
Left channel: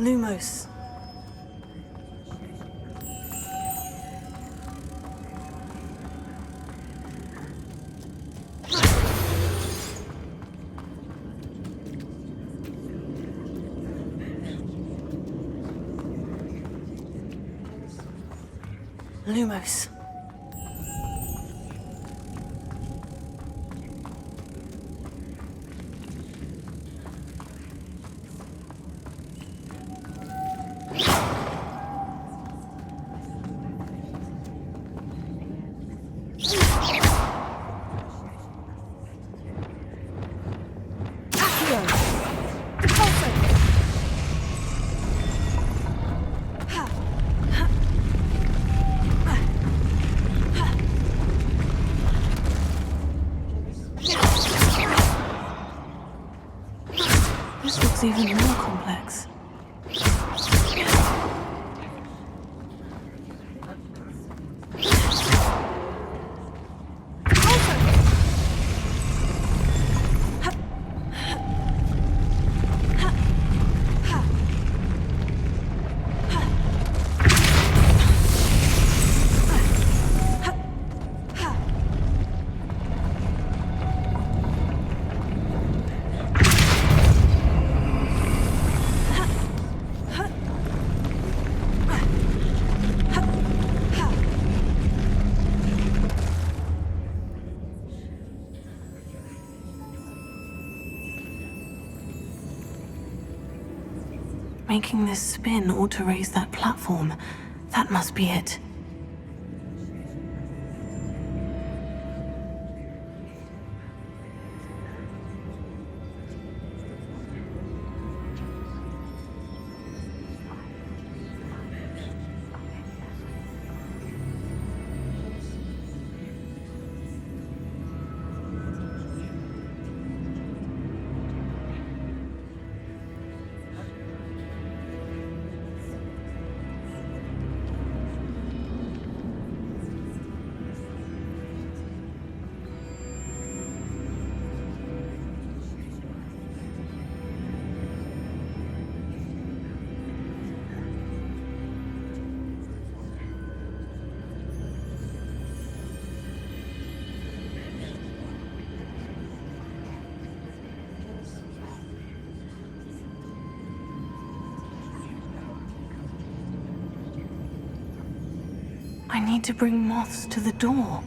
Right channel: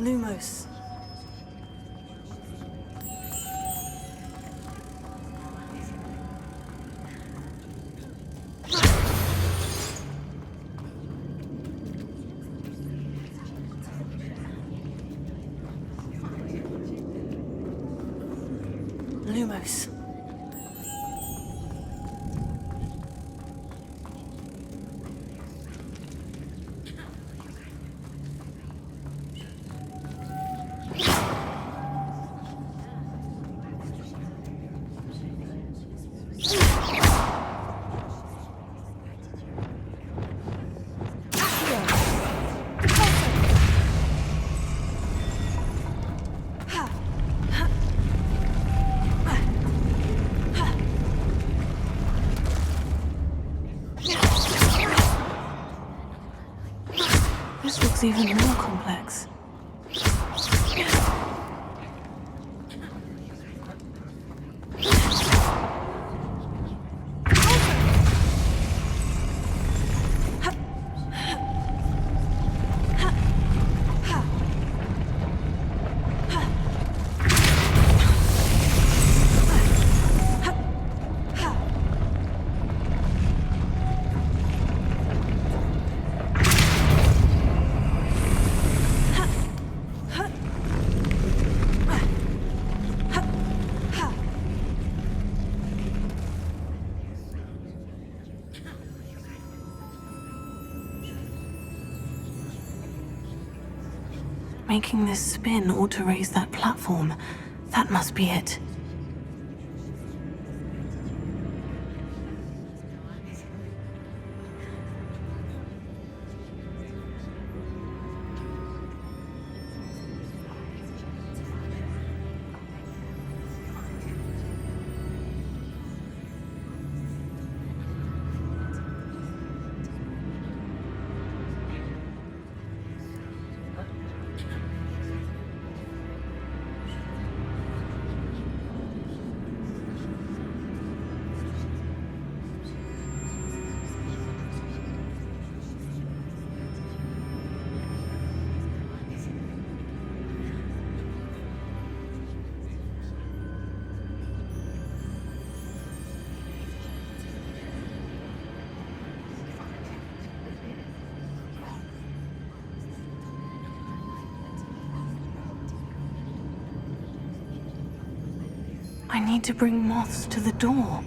Lumos. Lumos. This looks even more complex. Making this spin ought to raise that platform. That must be it. I need to bring moths to the door.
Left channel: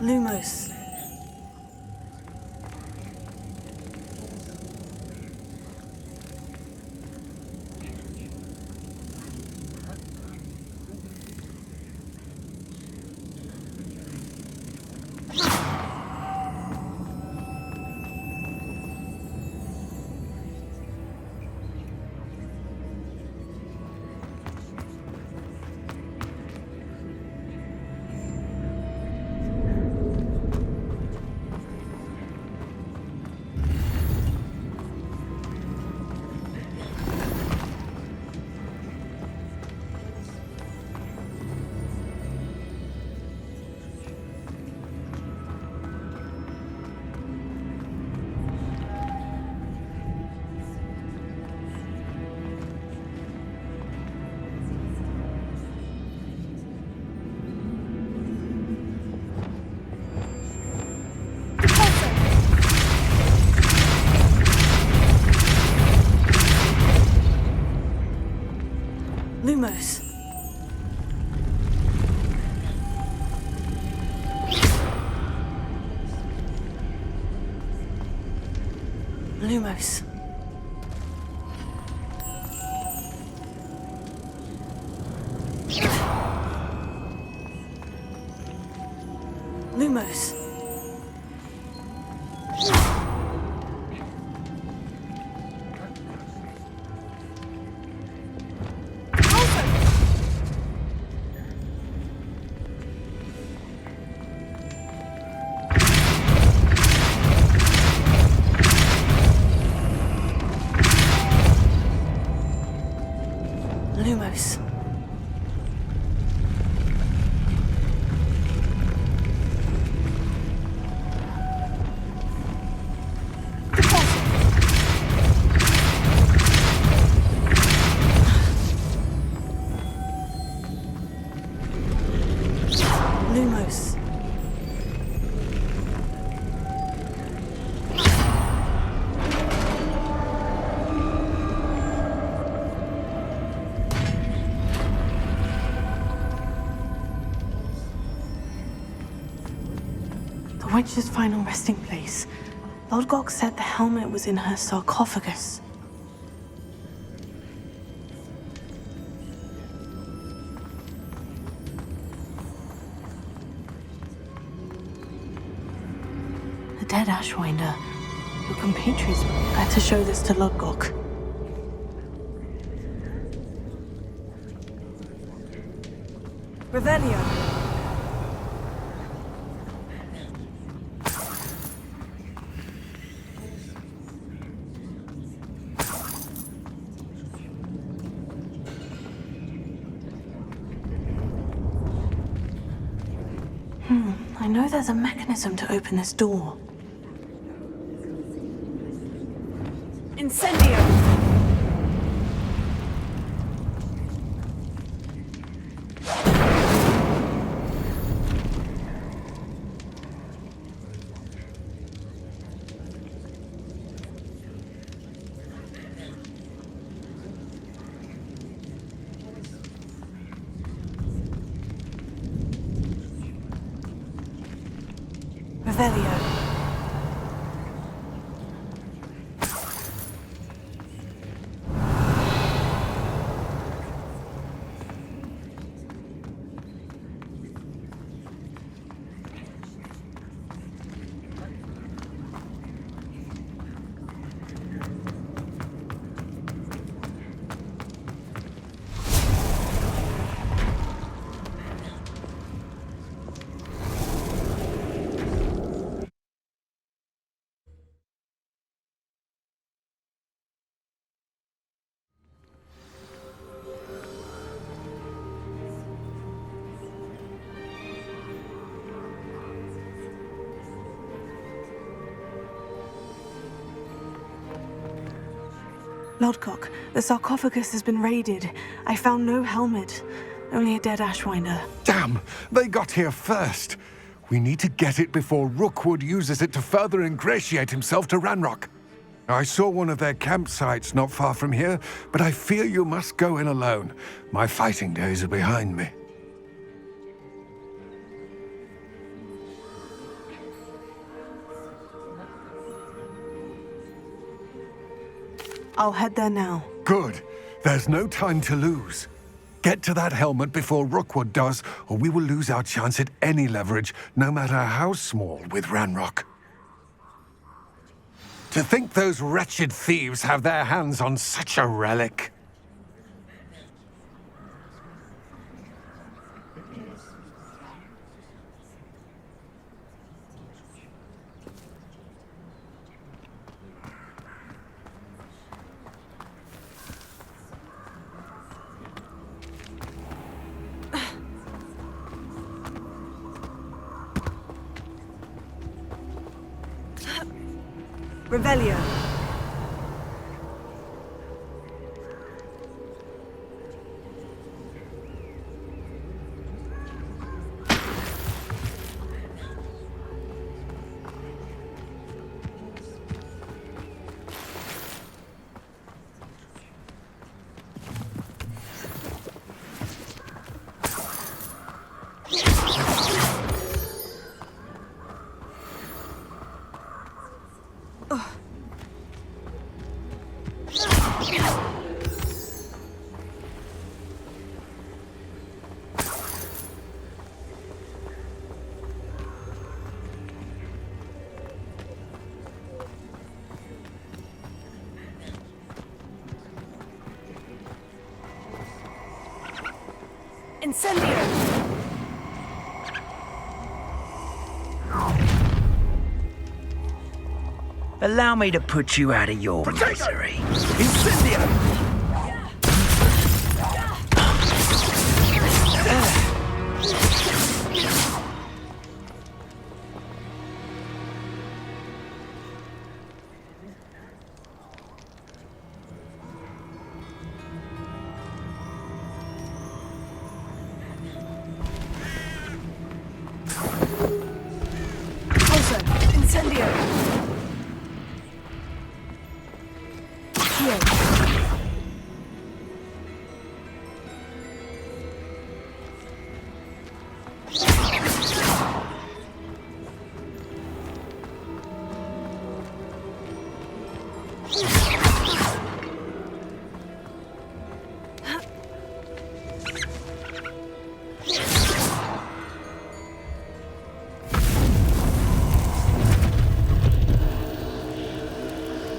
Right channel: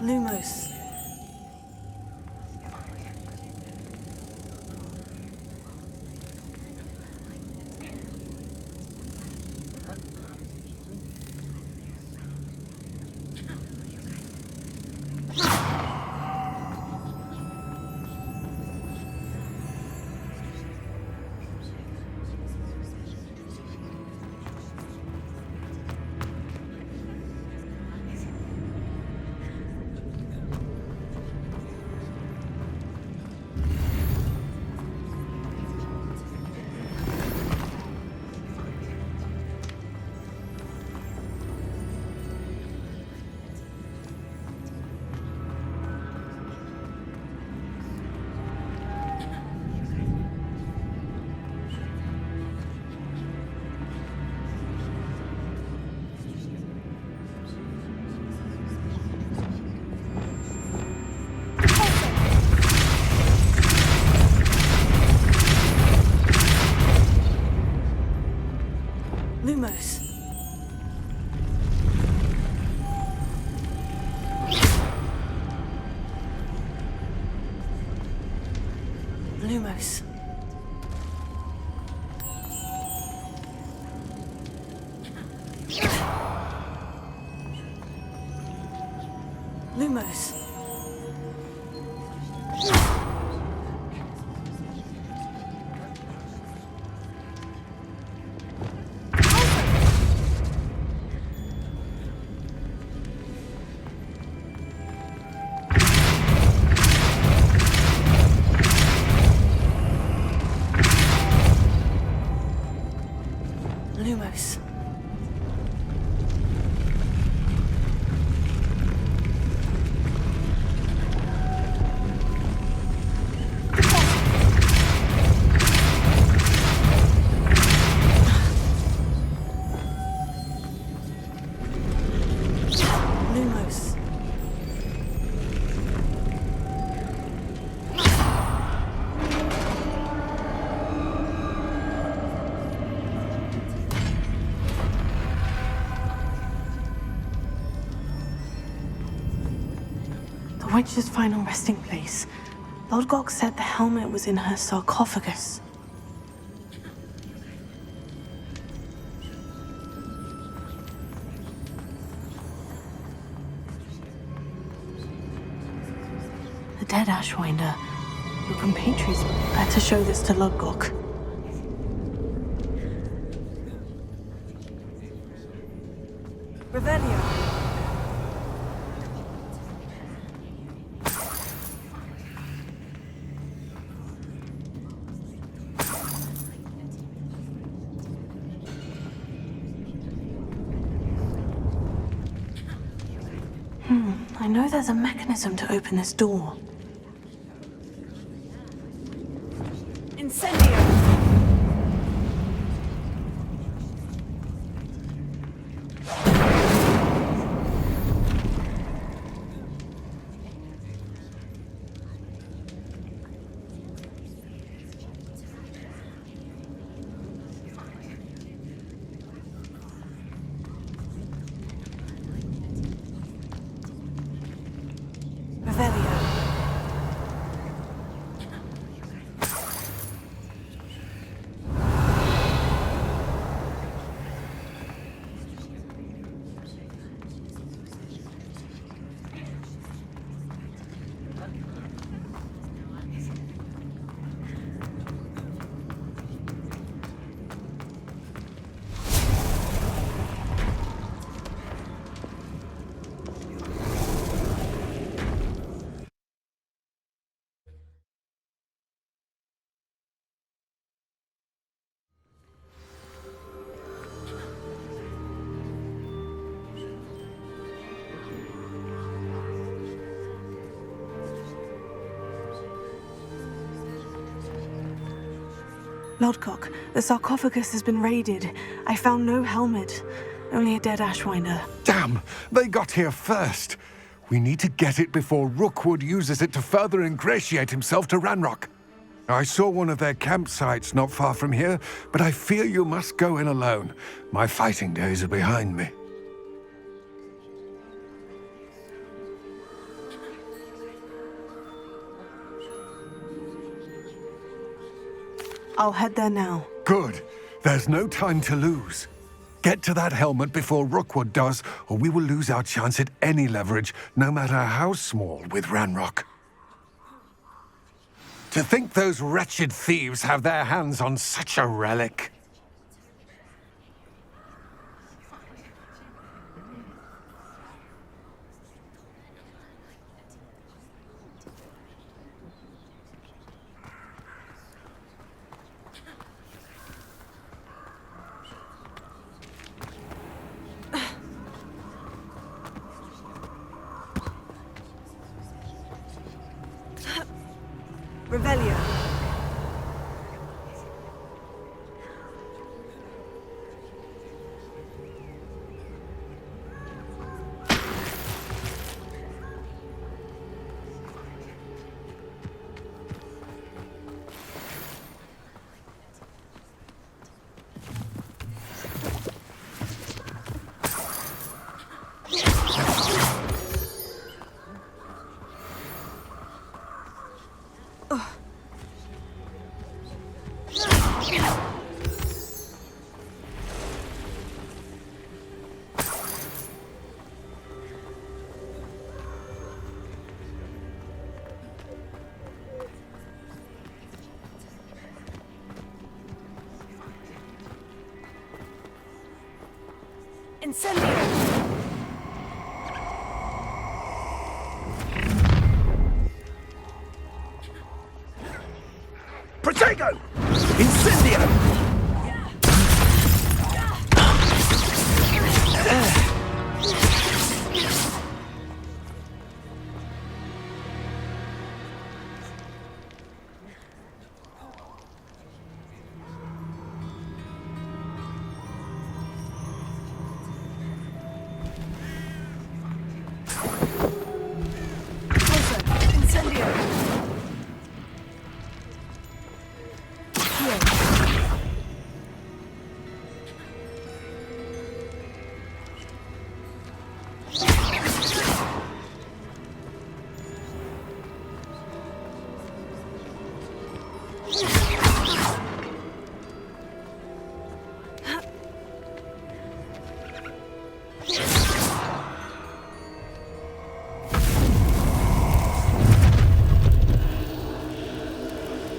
Lumos. Lumos. Lumos. Lumos. Lumos. Lumos. The witch's final resting place. Lodgok said the helmet was in her sarcophagus. The dead Ashwinder. Your compatriots better show this to Lodgok. Revelio. I know there's a mechanism to open this door. Incendio! Revelio. Lodgok, the sarcophagus has been raided. I found no helmet, only a dead Ashwinder. Damn! They got here first. We need to get it before Rookwood uses it to further ingratiate himself to Ranrock. I saw one of their campsites not far from here, but I fear you must go in alone. My fighting days are behind me. I'll head there now. Good. There's no time to lose. Get to that helmet before Rookwood does, or we will lose our chance at any leverage, no matter how small, with Ranrock. To think those wretched thieves have their hands on such a relic. Revelio. Incendio! Allow me to put you out of your Protego! misery. Incendio! Also, Incendio!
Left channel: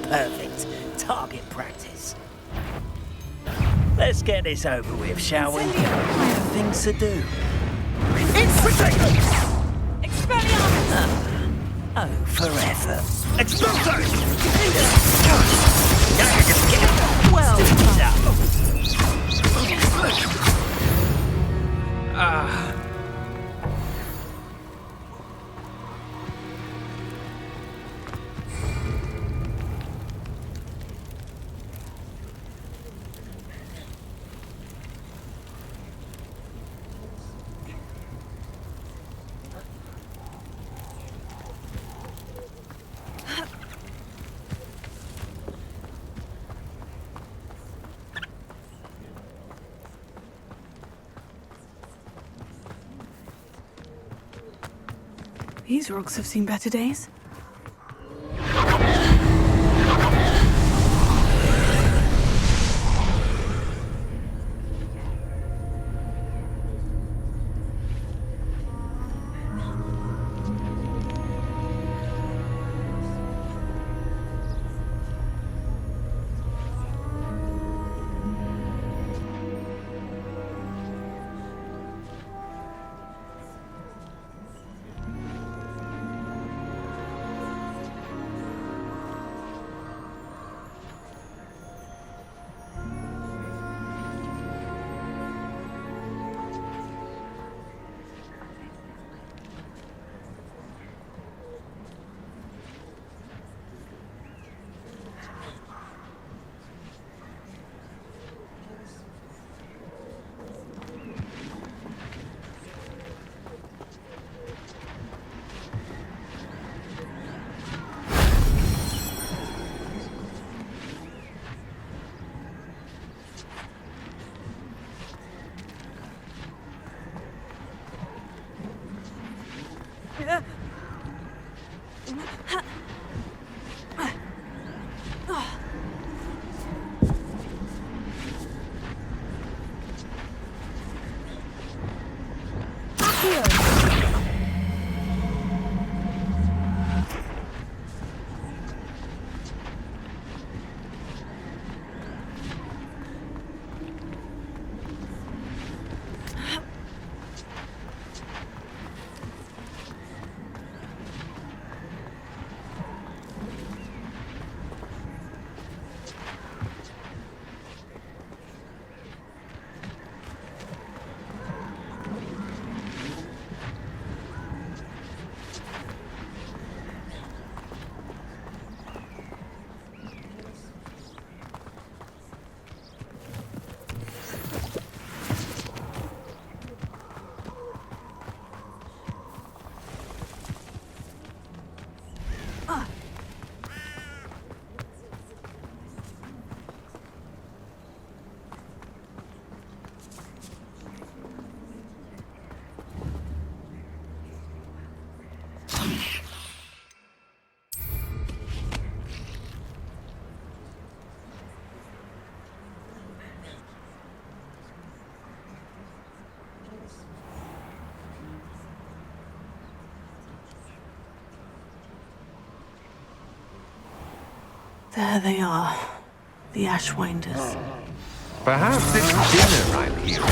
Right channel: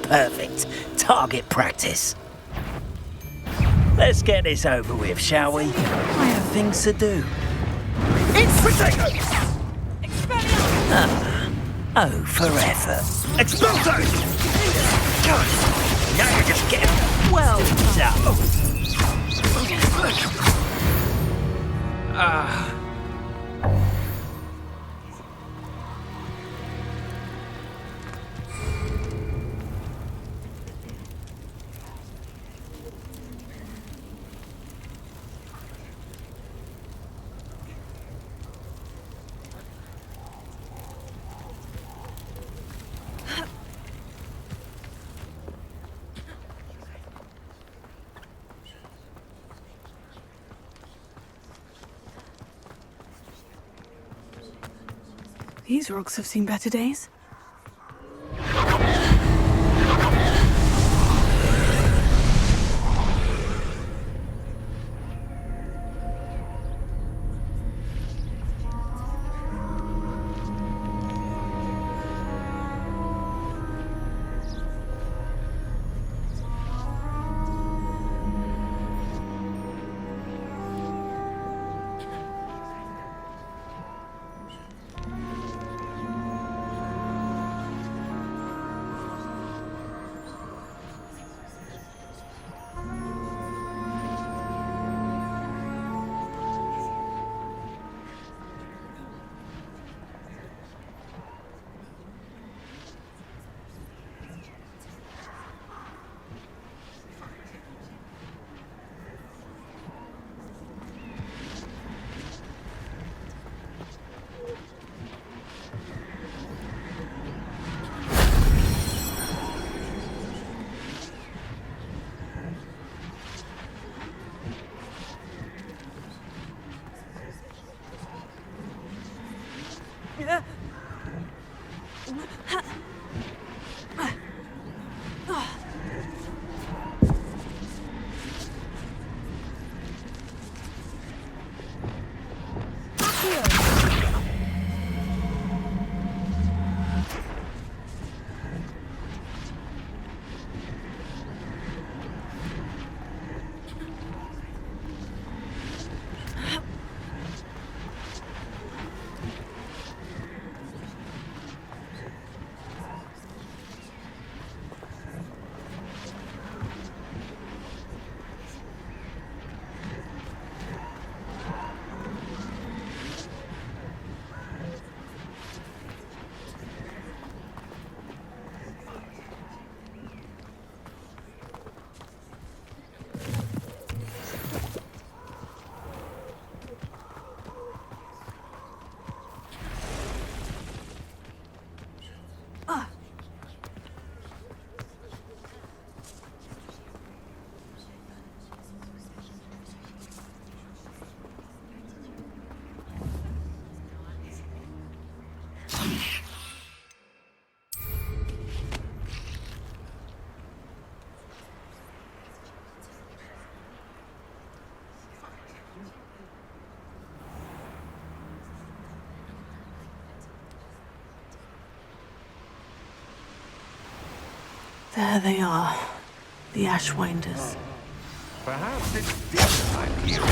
Perfect. Target practice. Let's get this over with, shall we? I have things to do. It's Protego! Oh, forever. Exploso! Now you just get well done. These rocks have seen better days. There they are, the Ashwinders. Perhaps it's dinner I'm hearing.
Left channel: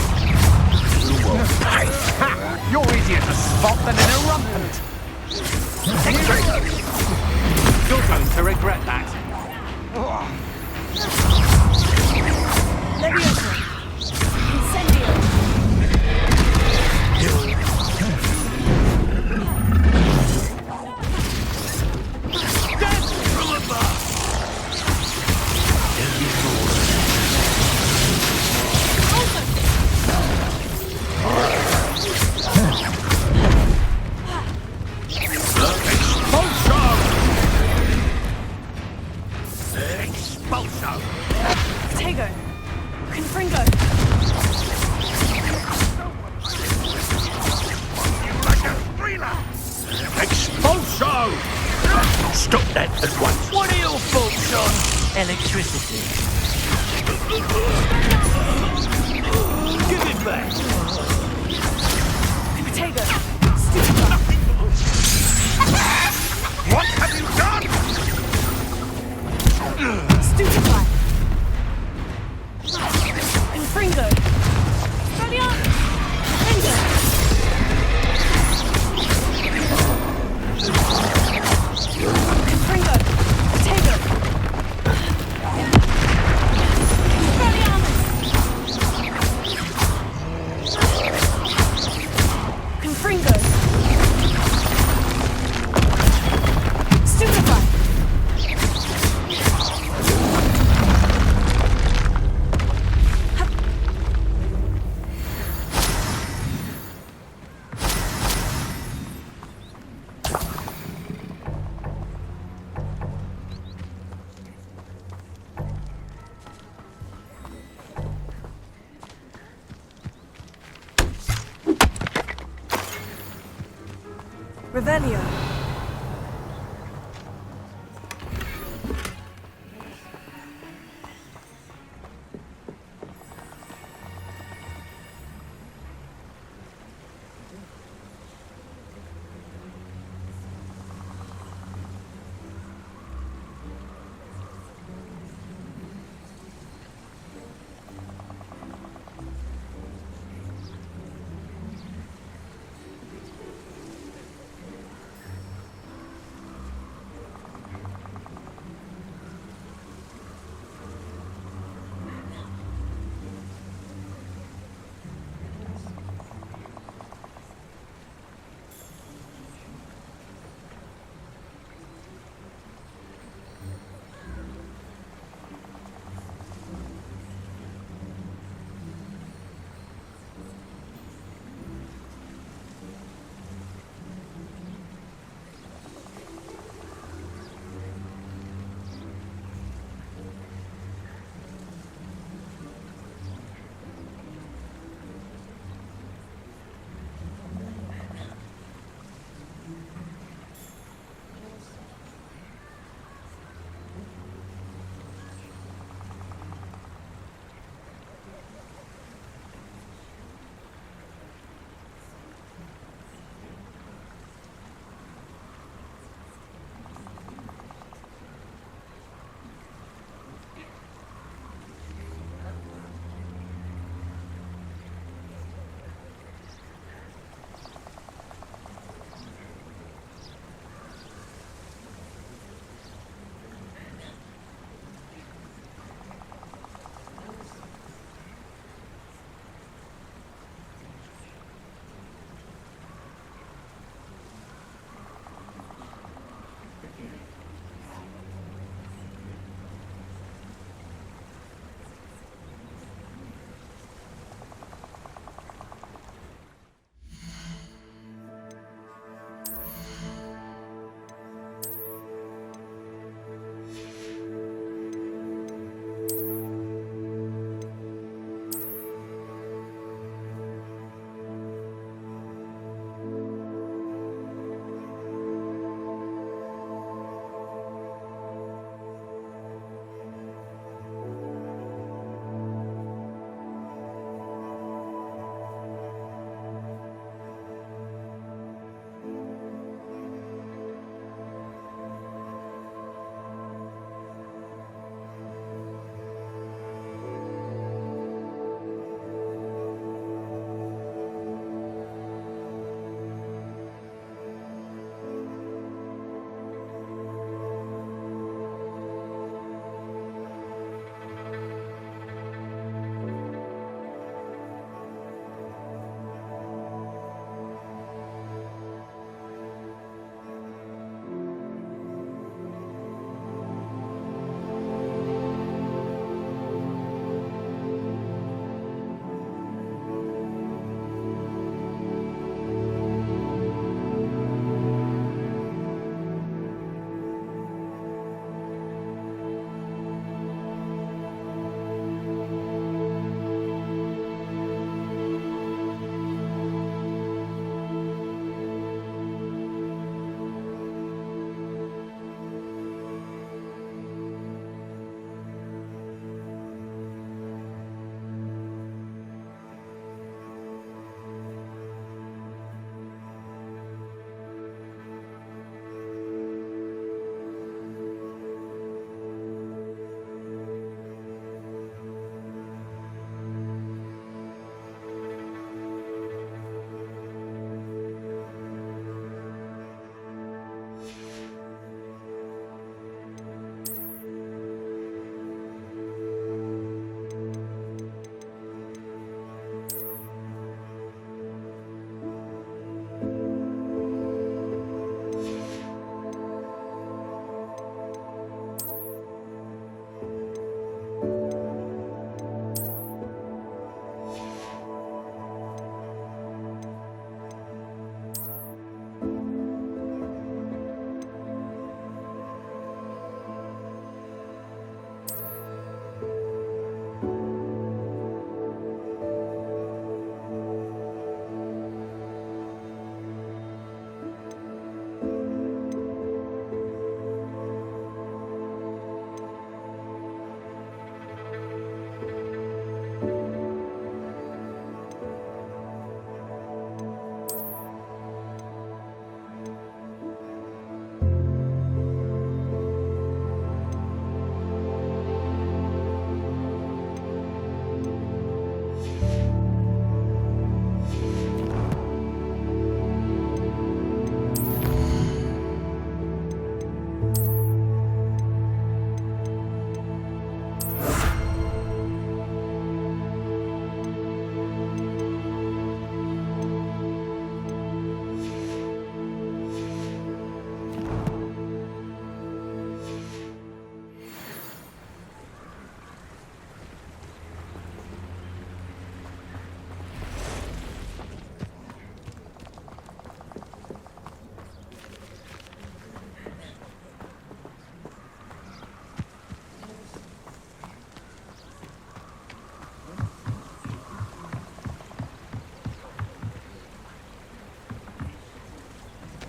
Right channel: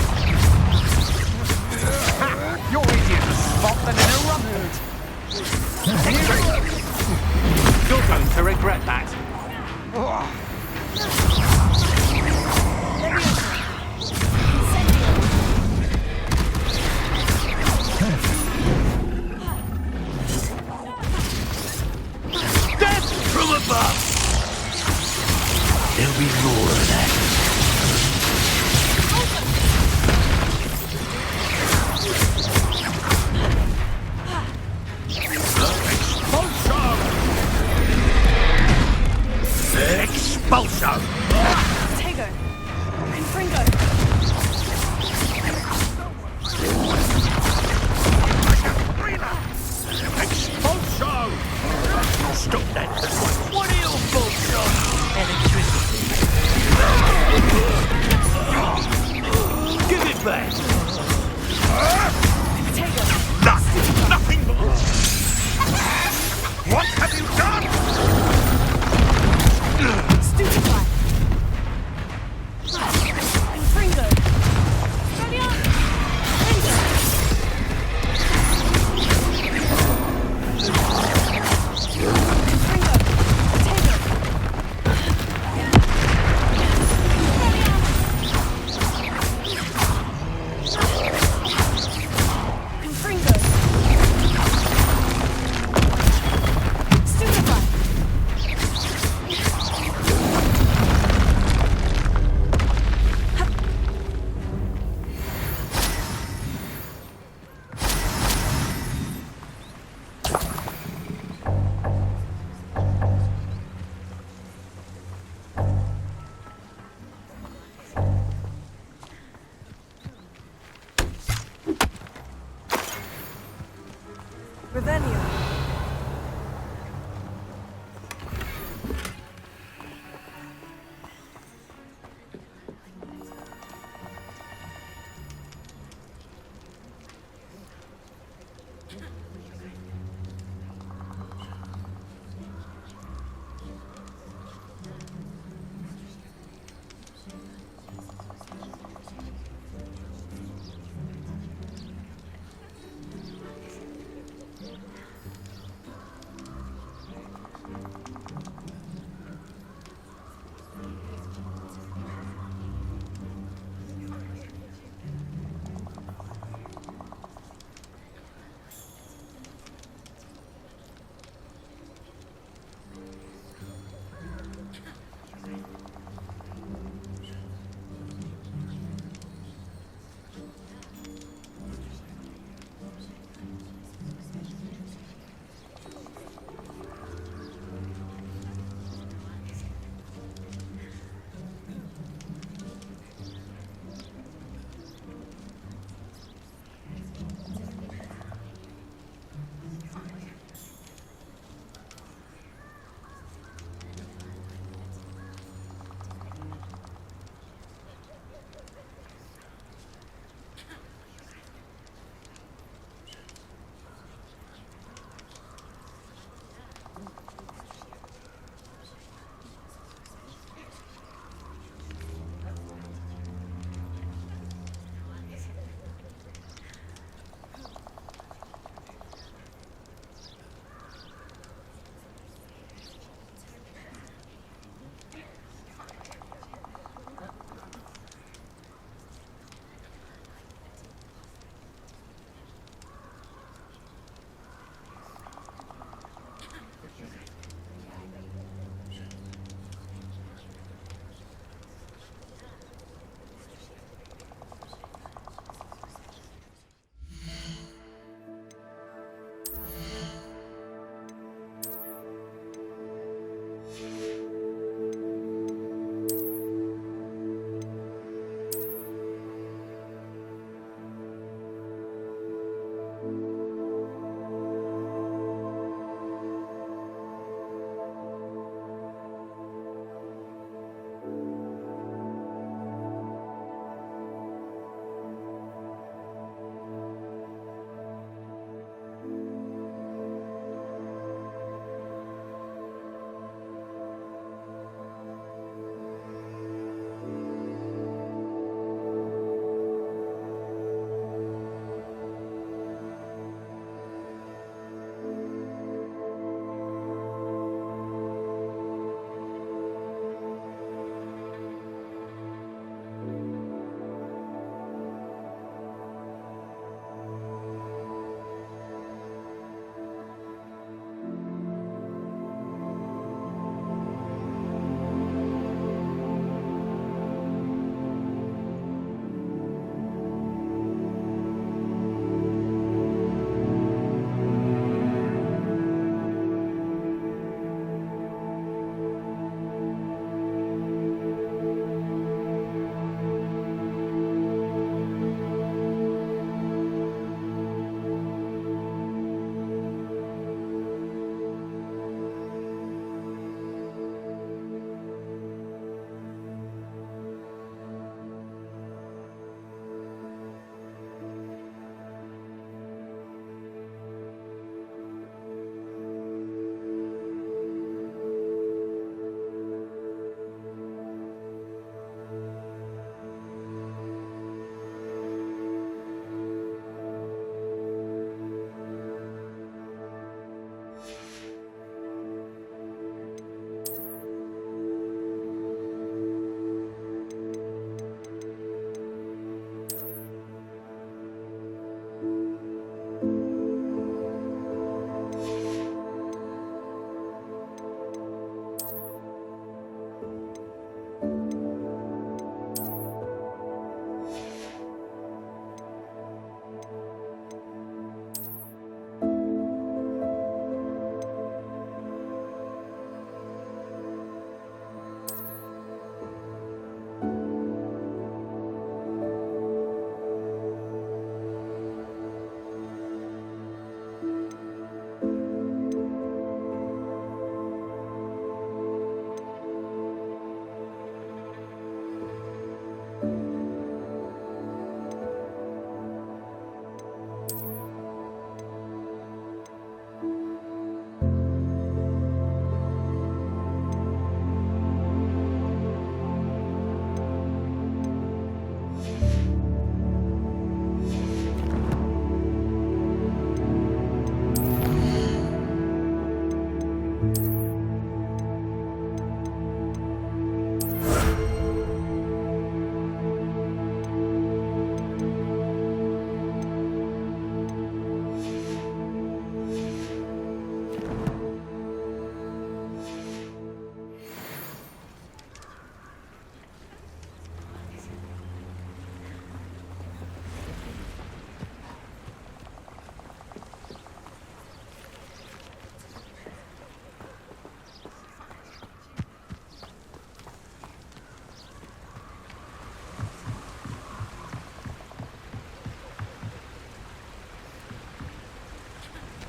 Ha! You're easier to spot than an irrelevant. You're going to regret that. Death from above! There'll be more of that. Expulso! Tego! Confringo! Expulso! Stop that at once. What are your thoughts on electricity? Give it back! Tego! Nothing more! What have you done? Stupefy! Confringo! Ready up! Confringo! Confringo! Tego! Ready up! Confringo! Stupefy! Revelio.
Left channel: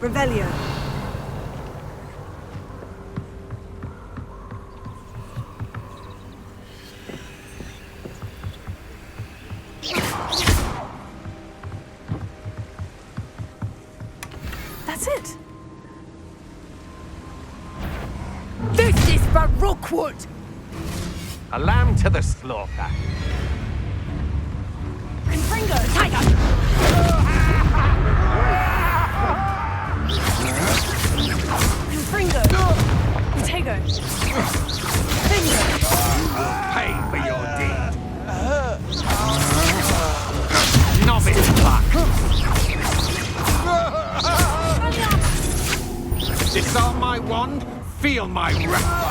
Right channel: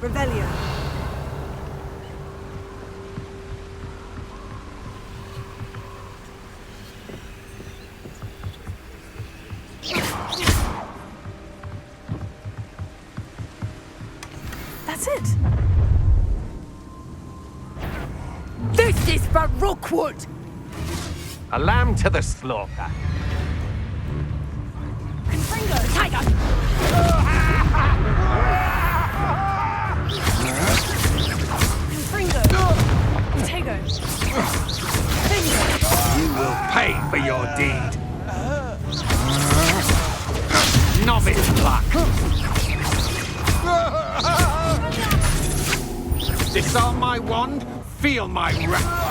Revelio. That's it. This is for Rookwood! A lamb to the slaughter. Confringo. Tiger! Confringo. Tego. Finger. You will pay for your deed. Novice pluck. Disarm my wand, feel my wrath.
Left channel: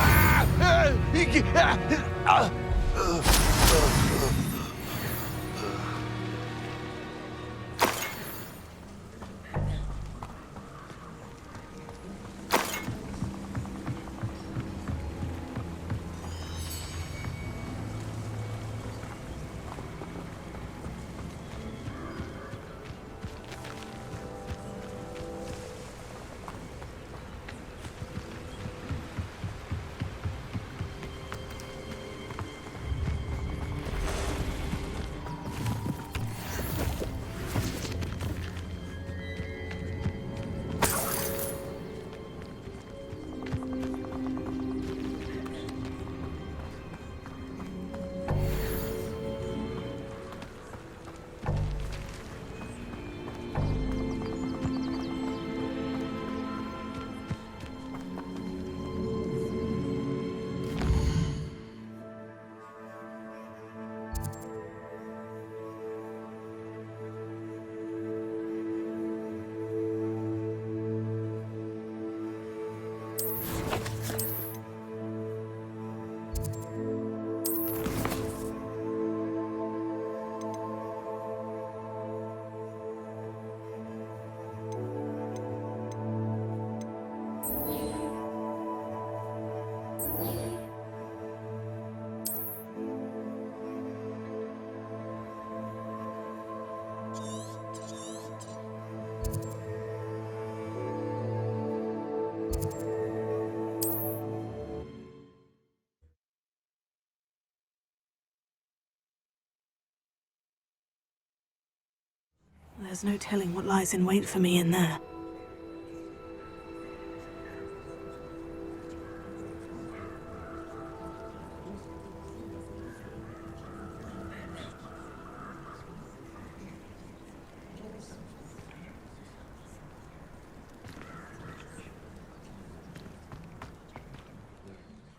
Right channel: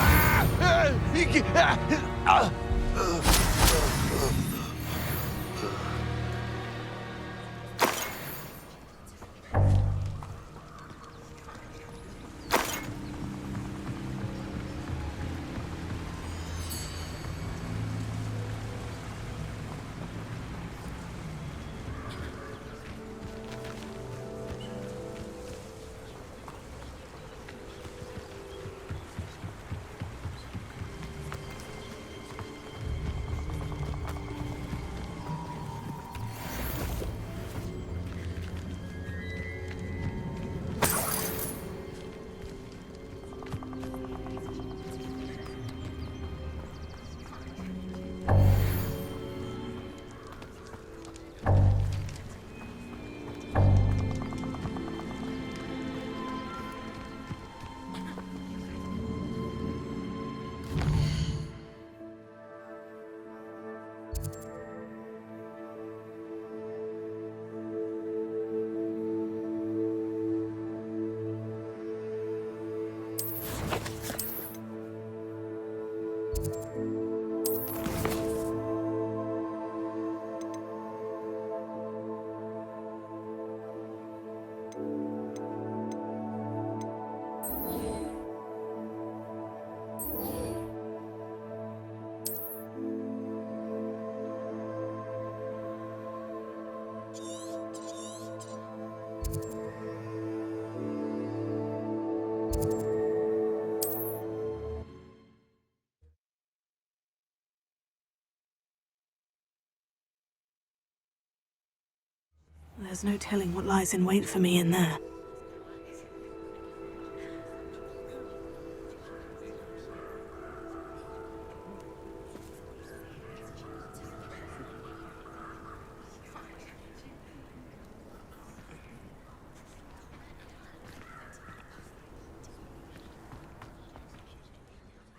There's no telling what lies in wait for me in there.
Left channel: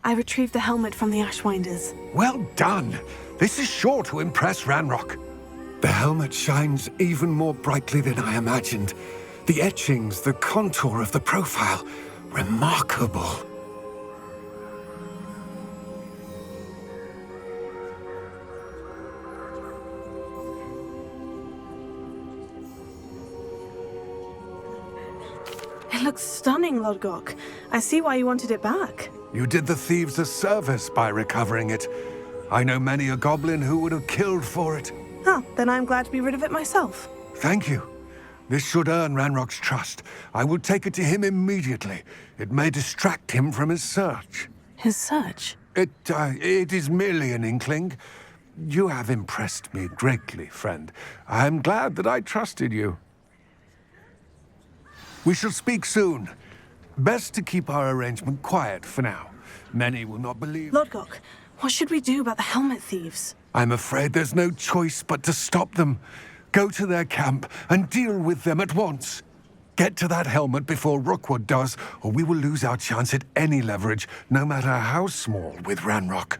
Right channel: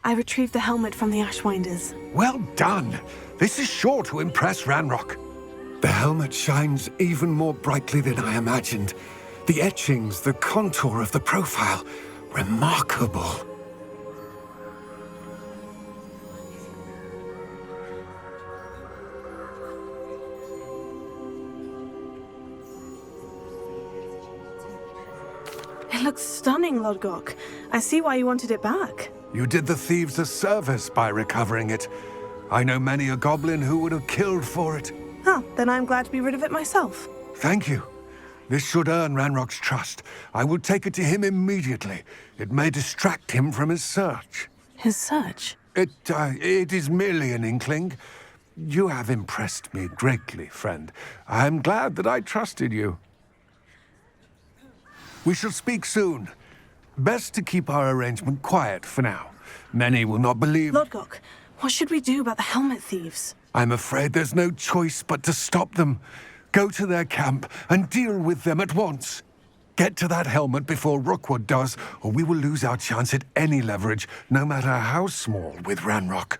I retrieved the helmet from the Ashwinders. Well done! This is sure to impress Ranrock. The helmet shines even more brightly than I imagined. The etchings, the contour of the profile, remarkable. It looks stunning, Lodgok. I see why you wanted it back. You did the thieves a service by recovering it. I know many a goblin who would have killed for it. Huh, then I'm glad to be rid of it myself. Thank you. This should earn Ranrock's trust. I will take it to him immediately. It may distract him from his search. His search? It is merely an inkling. You have impressed me greatly, friend. I am glad that I trusted you. We shall speak soon. Best to keep our arrangement quiet for now. Many will not believe... Lodgok, what should we do about the helmet thieves? I'm afraid there's no choice but to stop them. Go to their camp and deal with them at once. Get to that helmet before Rookwood does, or we will lose our chance at any leverage, no matter how small, with Ranrock.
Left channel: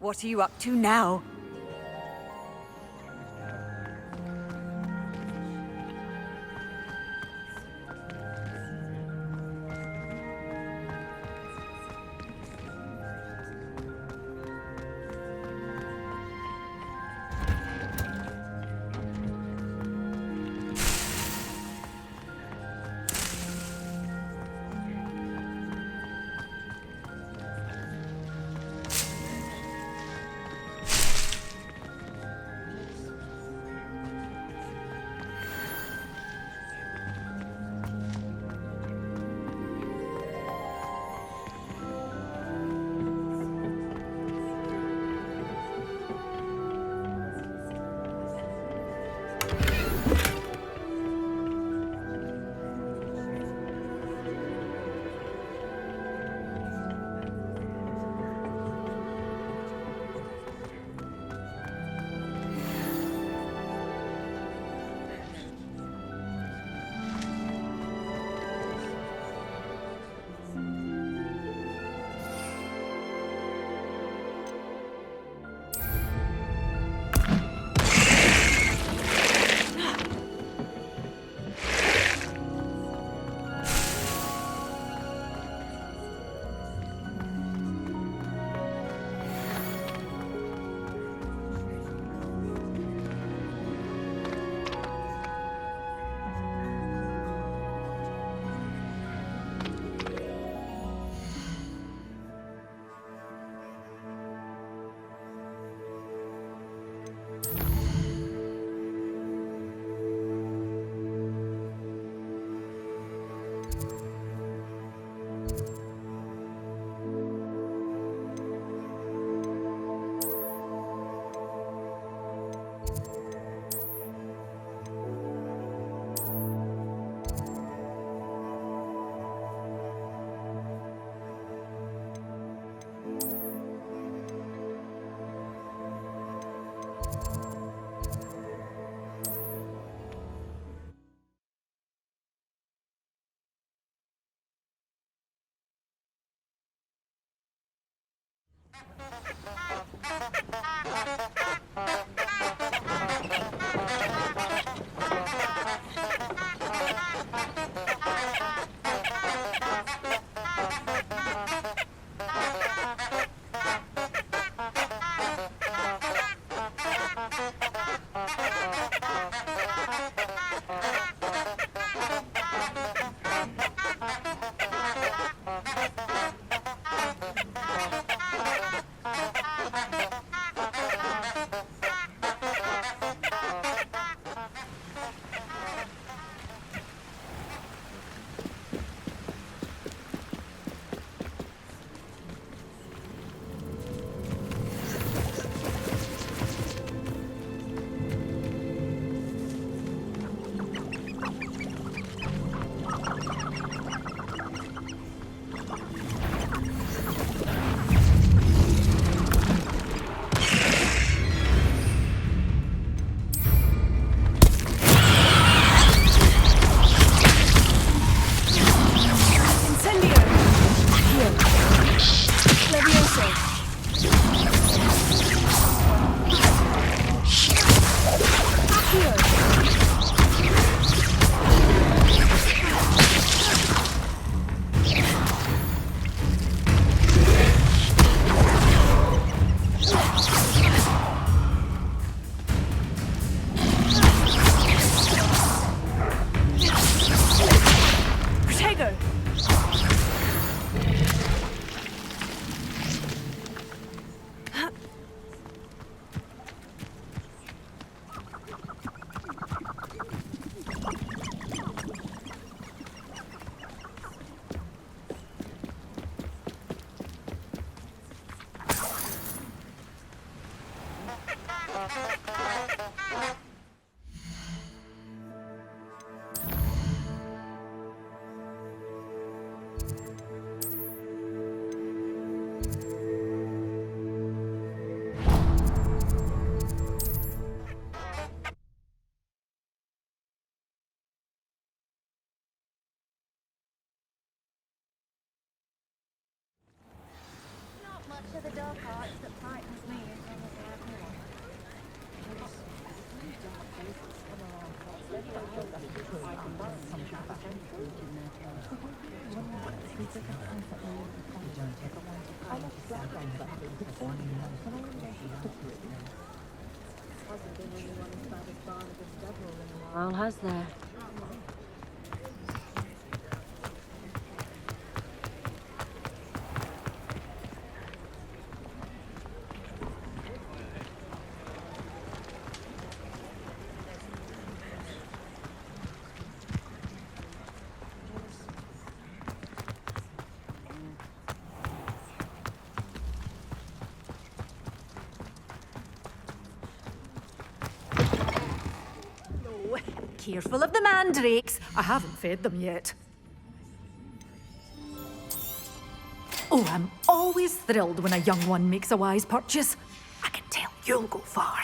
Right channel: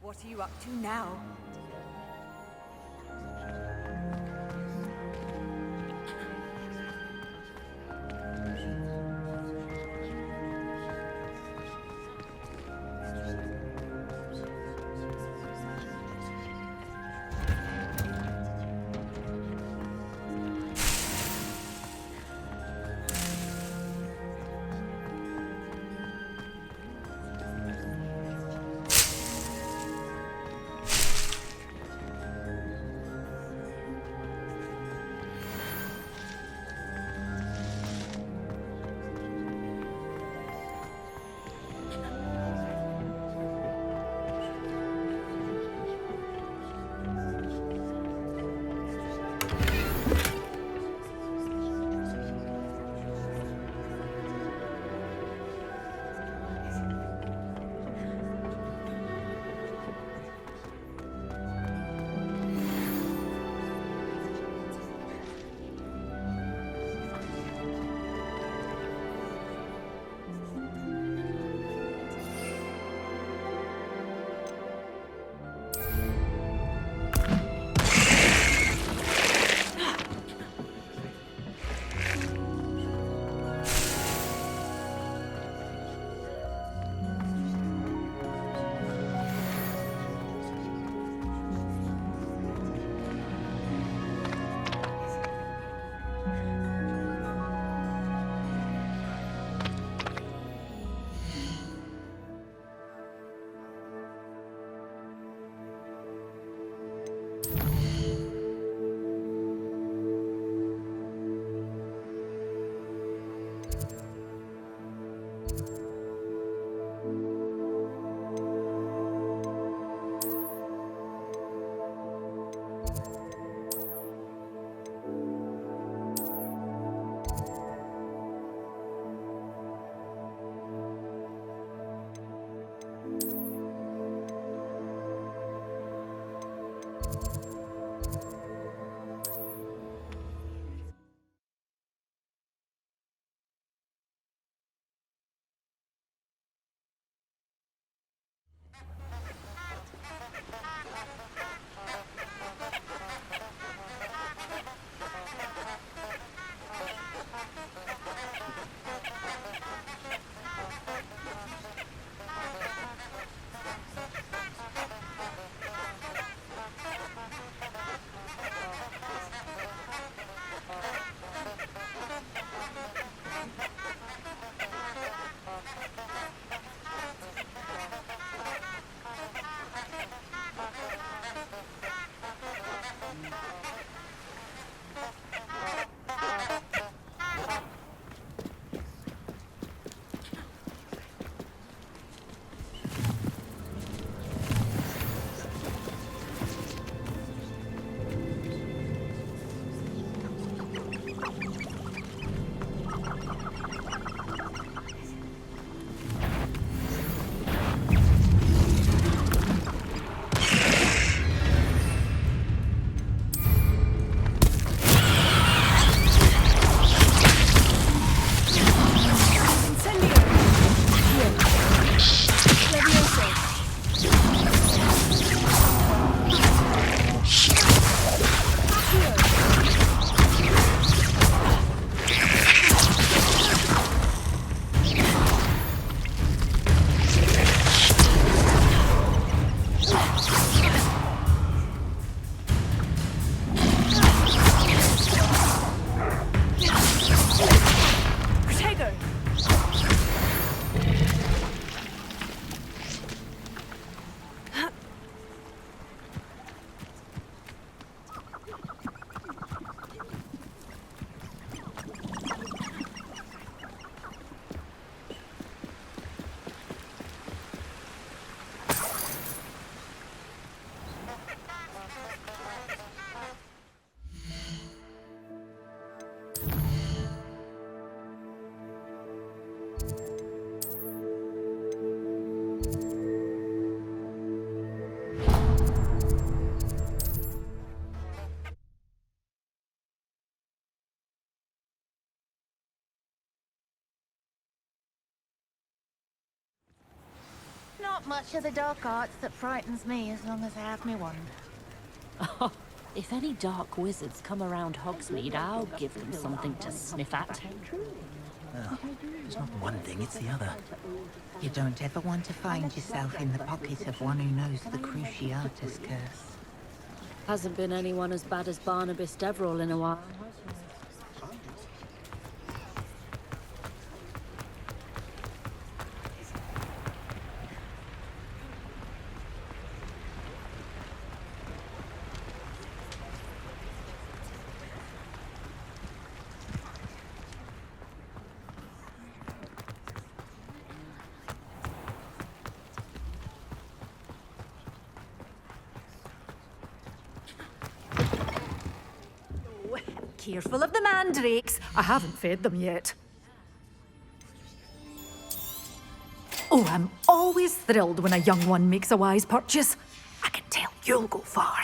What are you up to now? much of the dark arts that frightens me as long as I have me one. If any dark wizards come around Hogsmeade, I'll give them something to sniff at. Well, it's not one thing, it's the other. You don't ever want to find yourself in the pocket of one who knows the Cruciatus curse. Hasn't been anyone as bad as Barnabas Deverell in a while, has there? Careful of the mandrakes. I haven't fed them yet. Oh, I'm always thrilled when a young one makes a wise purchase. I can tell you'll go far.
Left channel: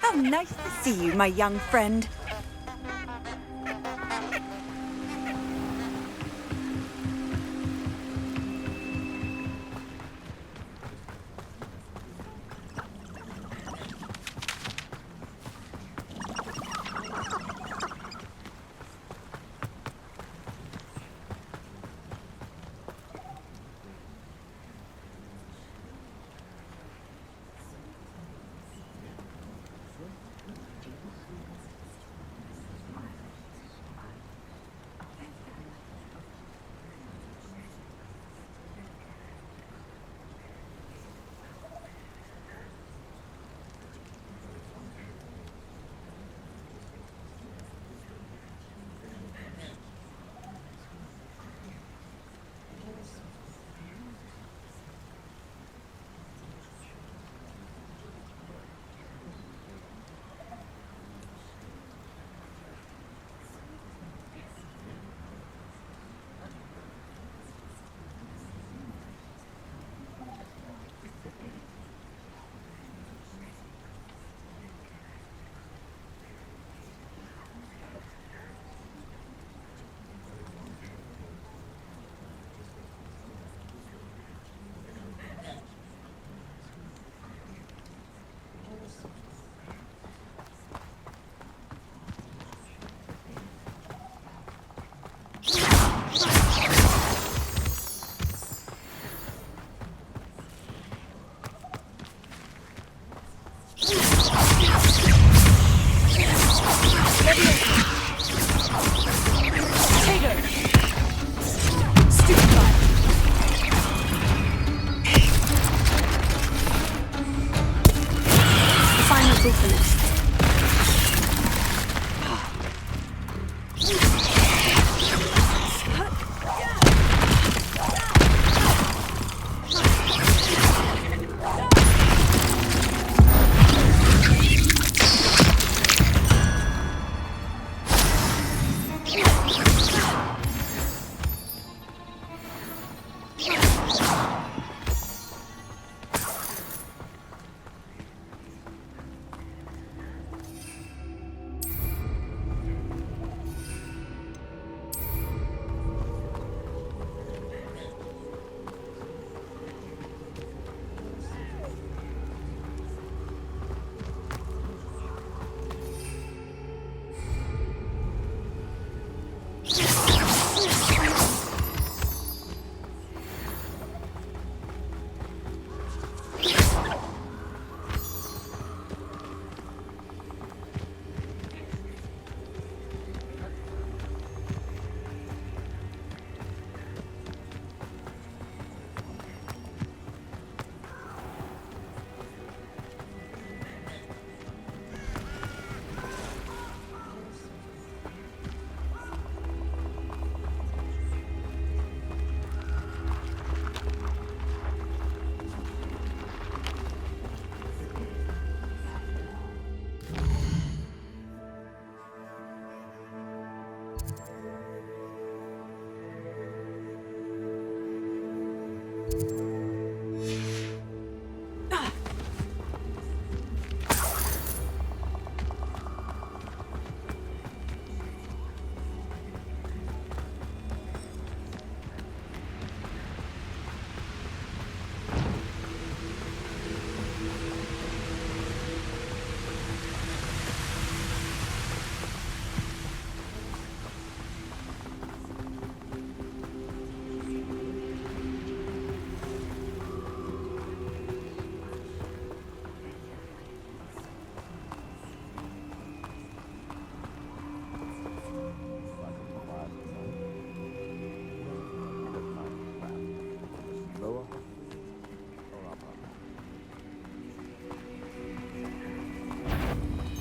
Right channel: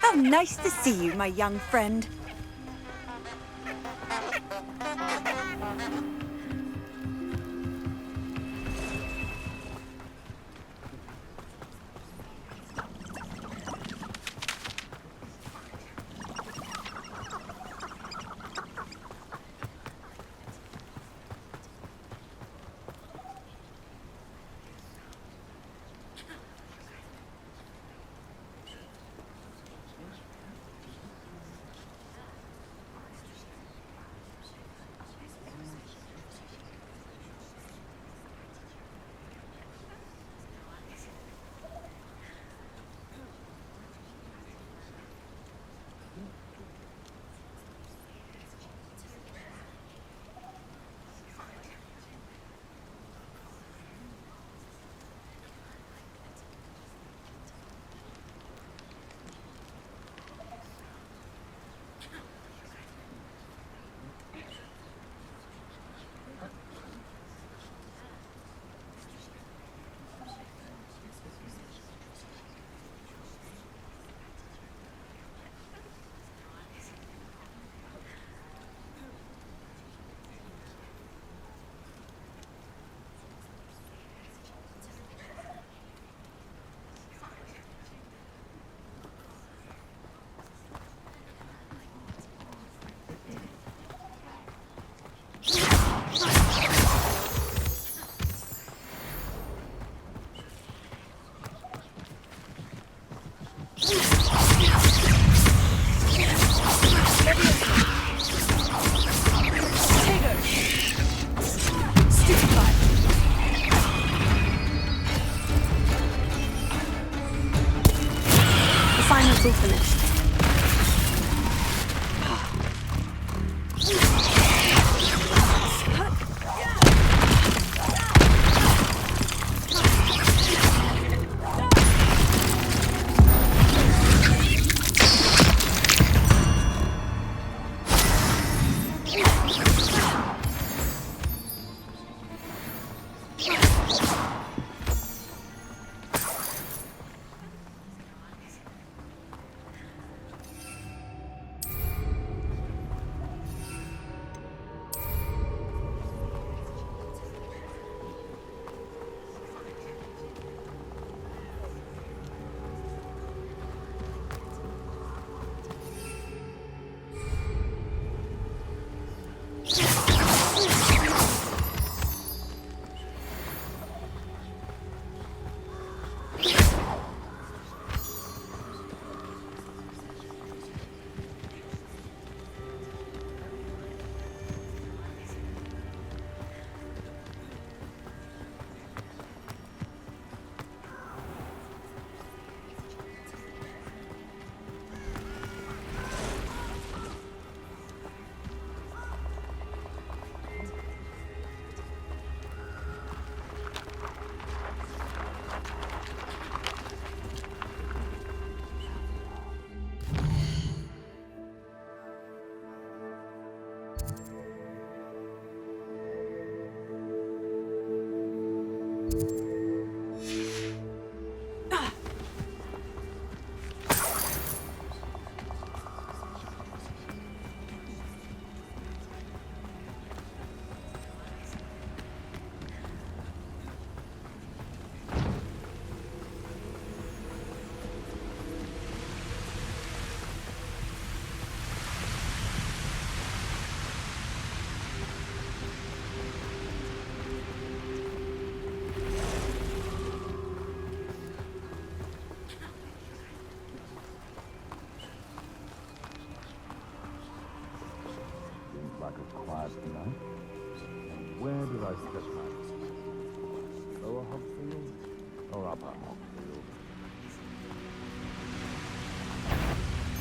How nice to see you, my young friend.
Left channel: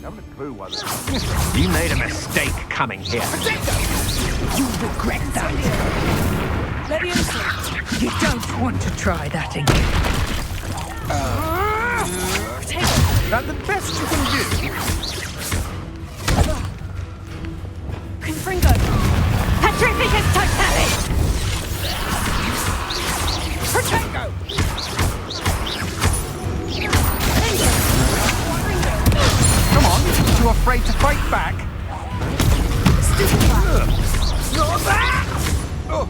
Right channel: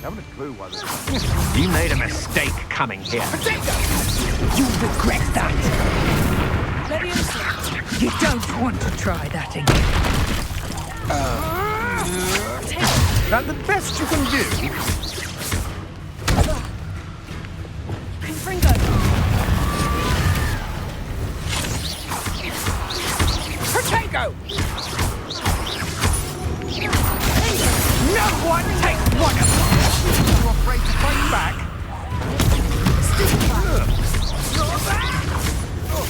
Haven't a clue why this. You made a mistake coming here. You regret that. Leviosa! You don't want to try that again. That the best you can do? Confringo! Petrificus Totalis! Protego! No one takes one! Come on, you afraid to fight back? Stupefy! You're back! Oh,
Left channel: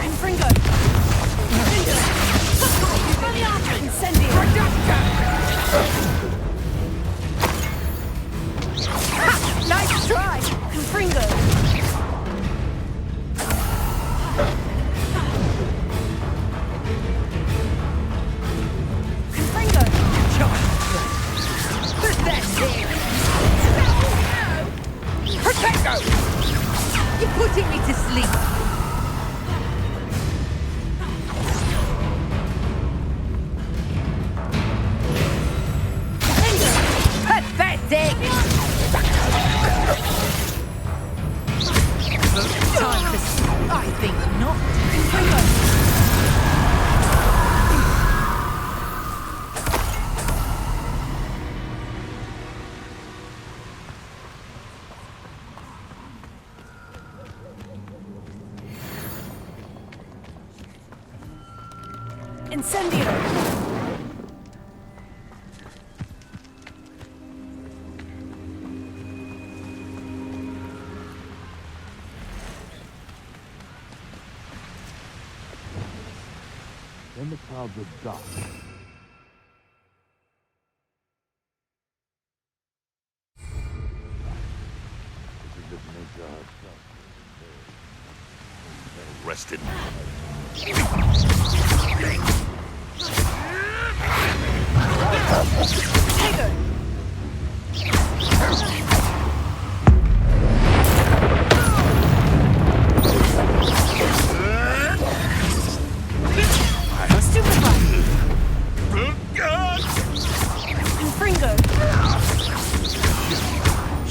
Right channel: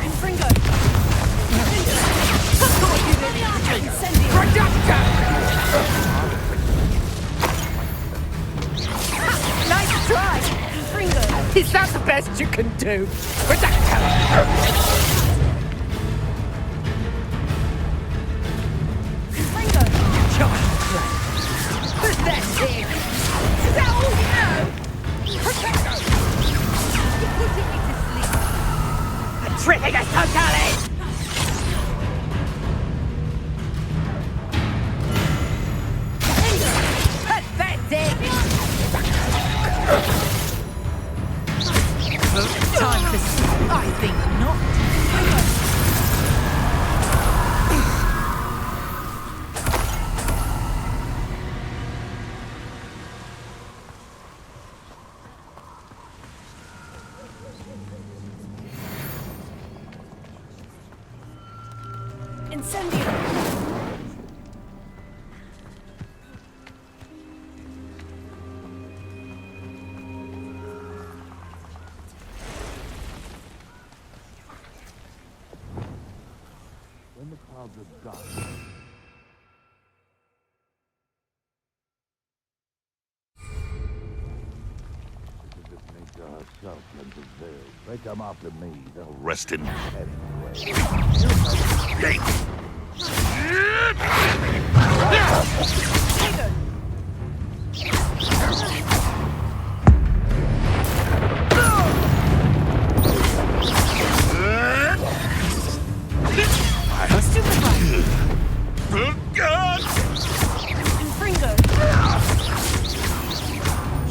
Confringo! Incendio! Nice try! Confringo! Is that the best you can do? Confringo! Pathetic! No! Protego! You're putting me to sleep! Petrificus Totalis! Pathetic! Time to sleep. I think not. Incendio! Then the clouds are dark. This is if nature herself lends its veil. They come after me, they'll rest in Tego! Stupefy! Confringo!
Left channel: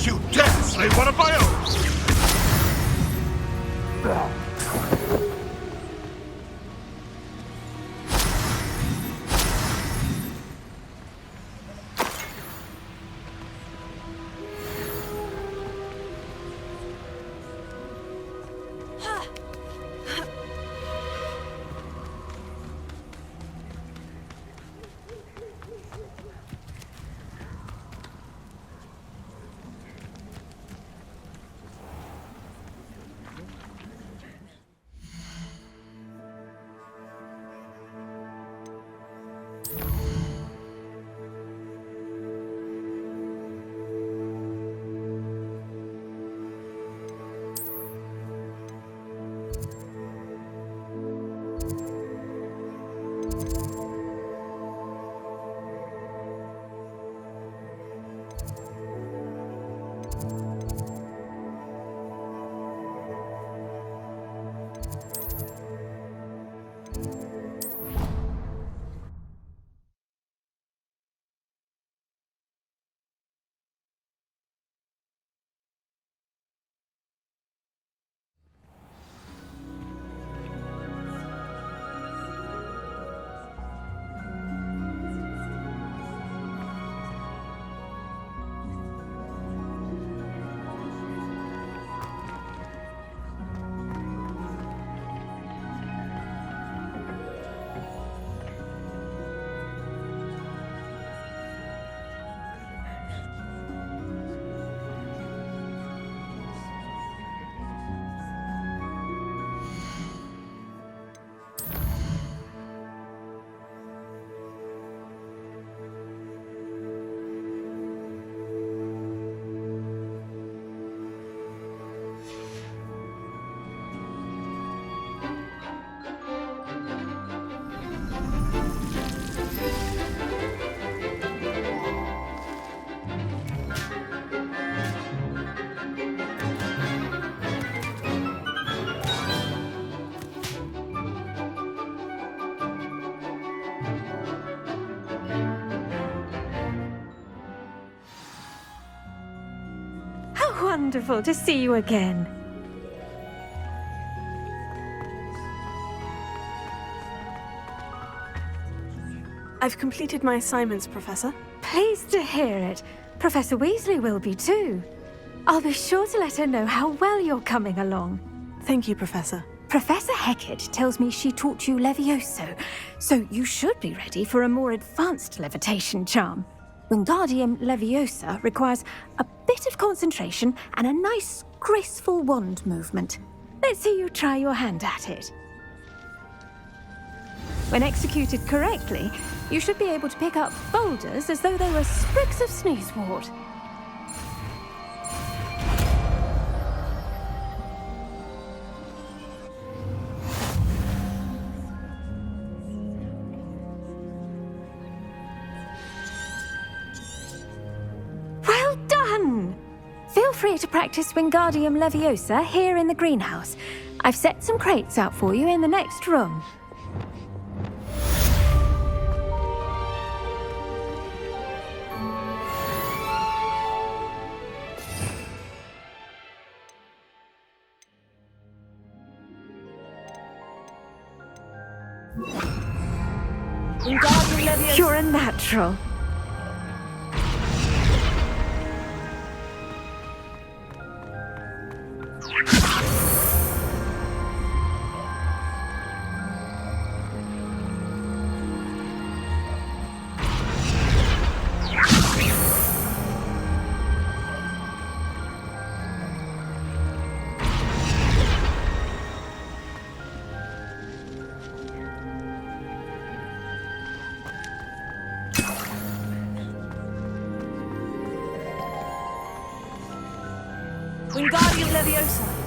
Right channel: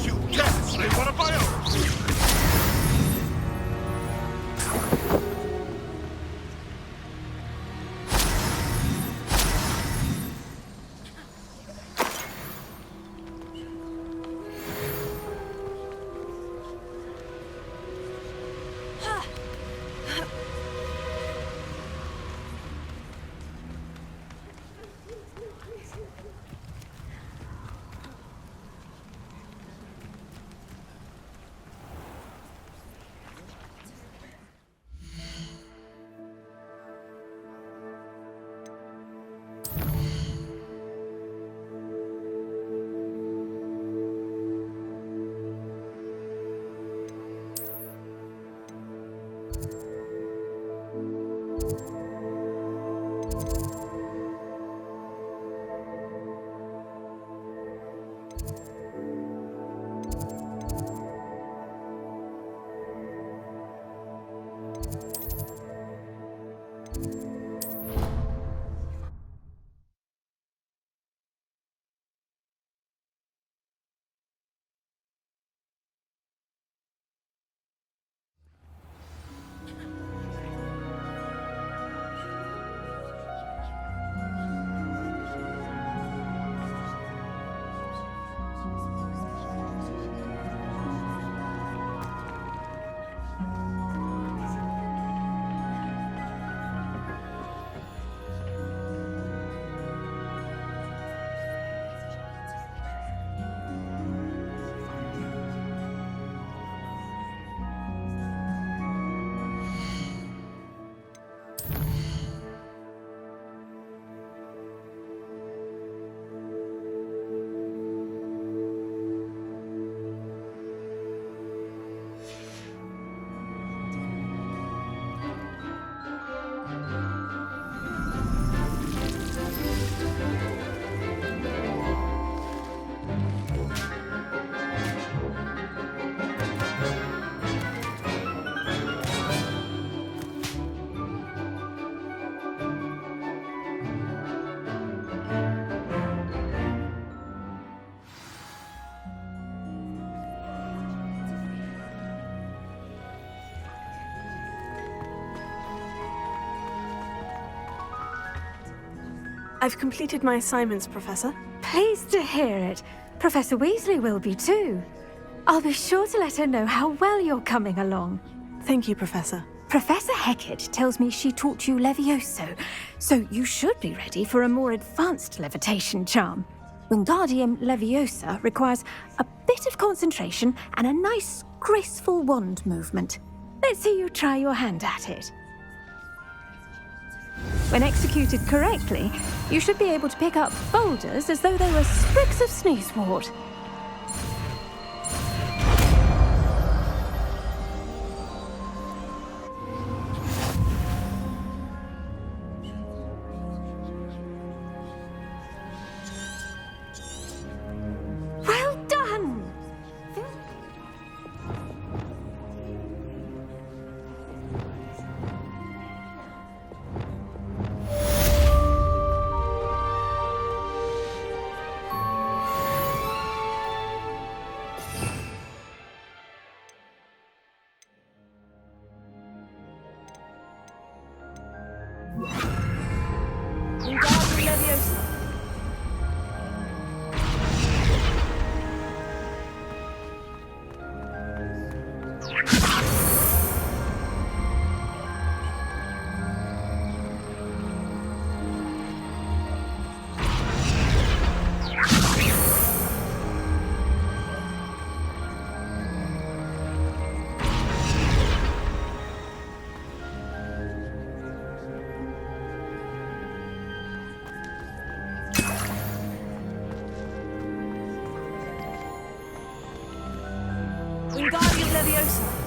You dare slay one of my own! wonderful to see you again. I've completed my assignments, Professor. Pleased to hear it. Professor Weasley will be too. I'll be sure to let her know how well you're coming along. Thank you, Professor. Professor Hecat tells me she taught you Levioso, so you should be ready for a more advanced levitation charm. Wingardium Leviosa requires a bit of concentration and a nice, graceful wand movement. Let's see you try your hand at it. When executed correctly, you should be able to pick up boulders as though they were sprigs of sneezewort. Well done! Feel free to practice Wingardium Leviosa here in the greenhouse. I've set some crates out for you in the next room. You're a natural. Wingardium Leviosa.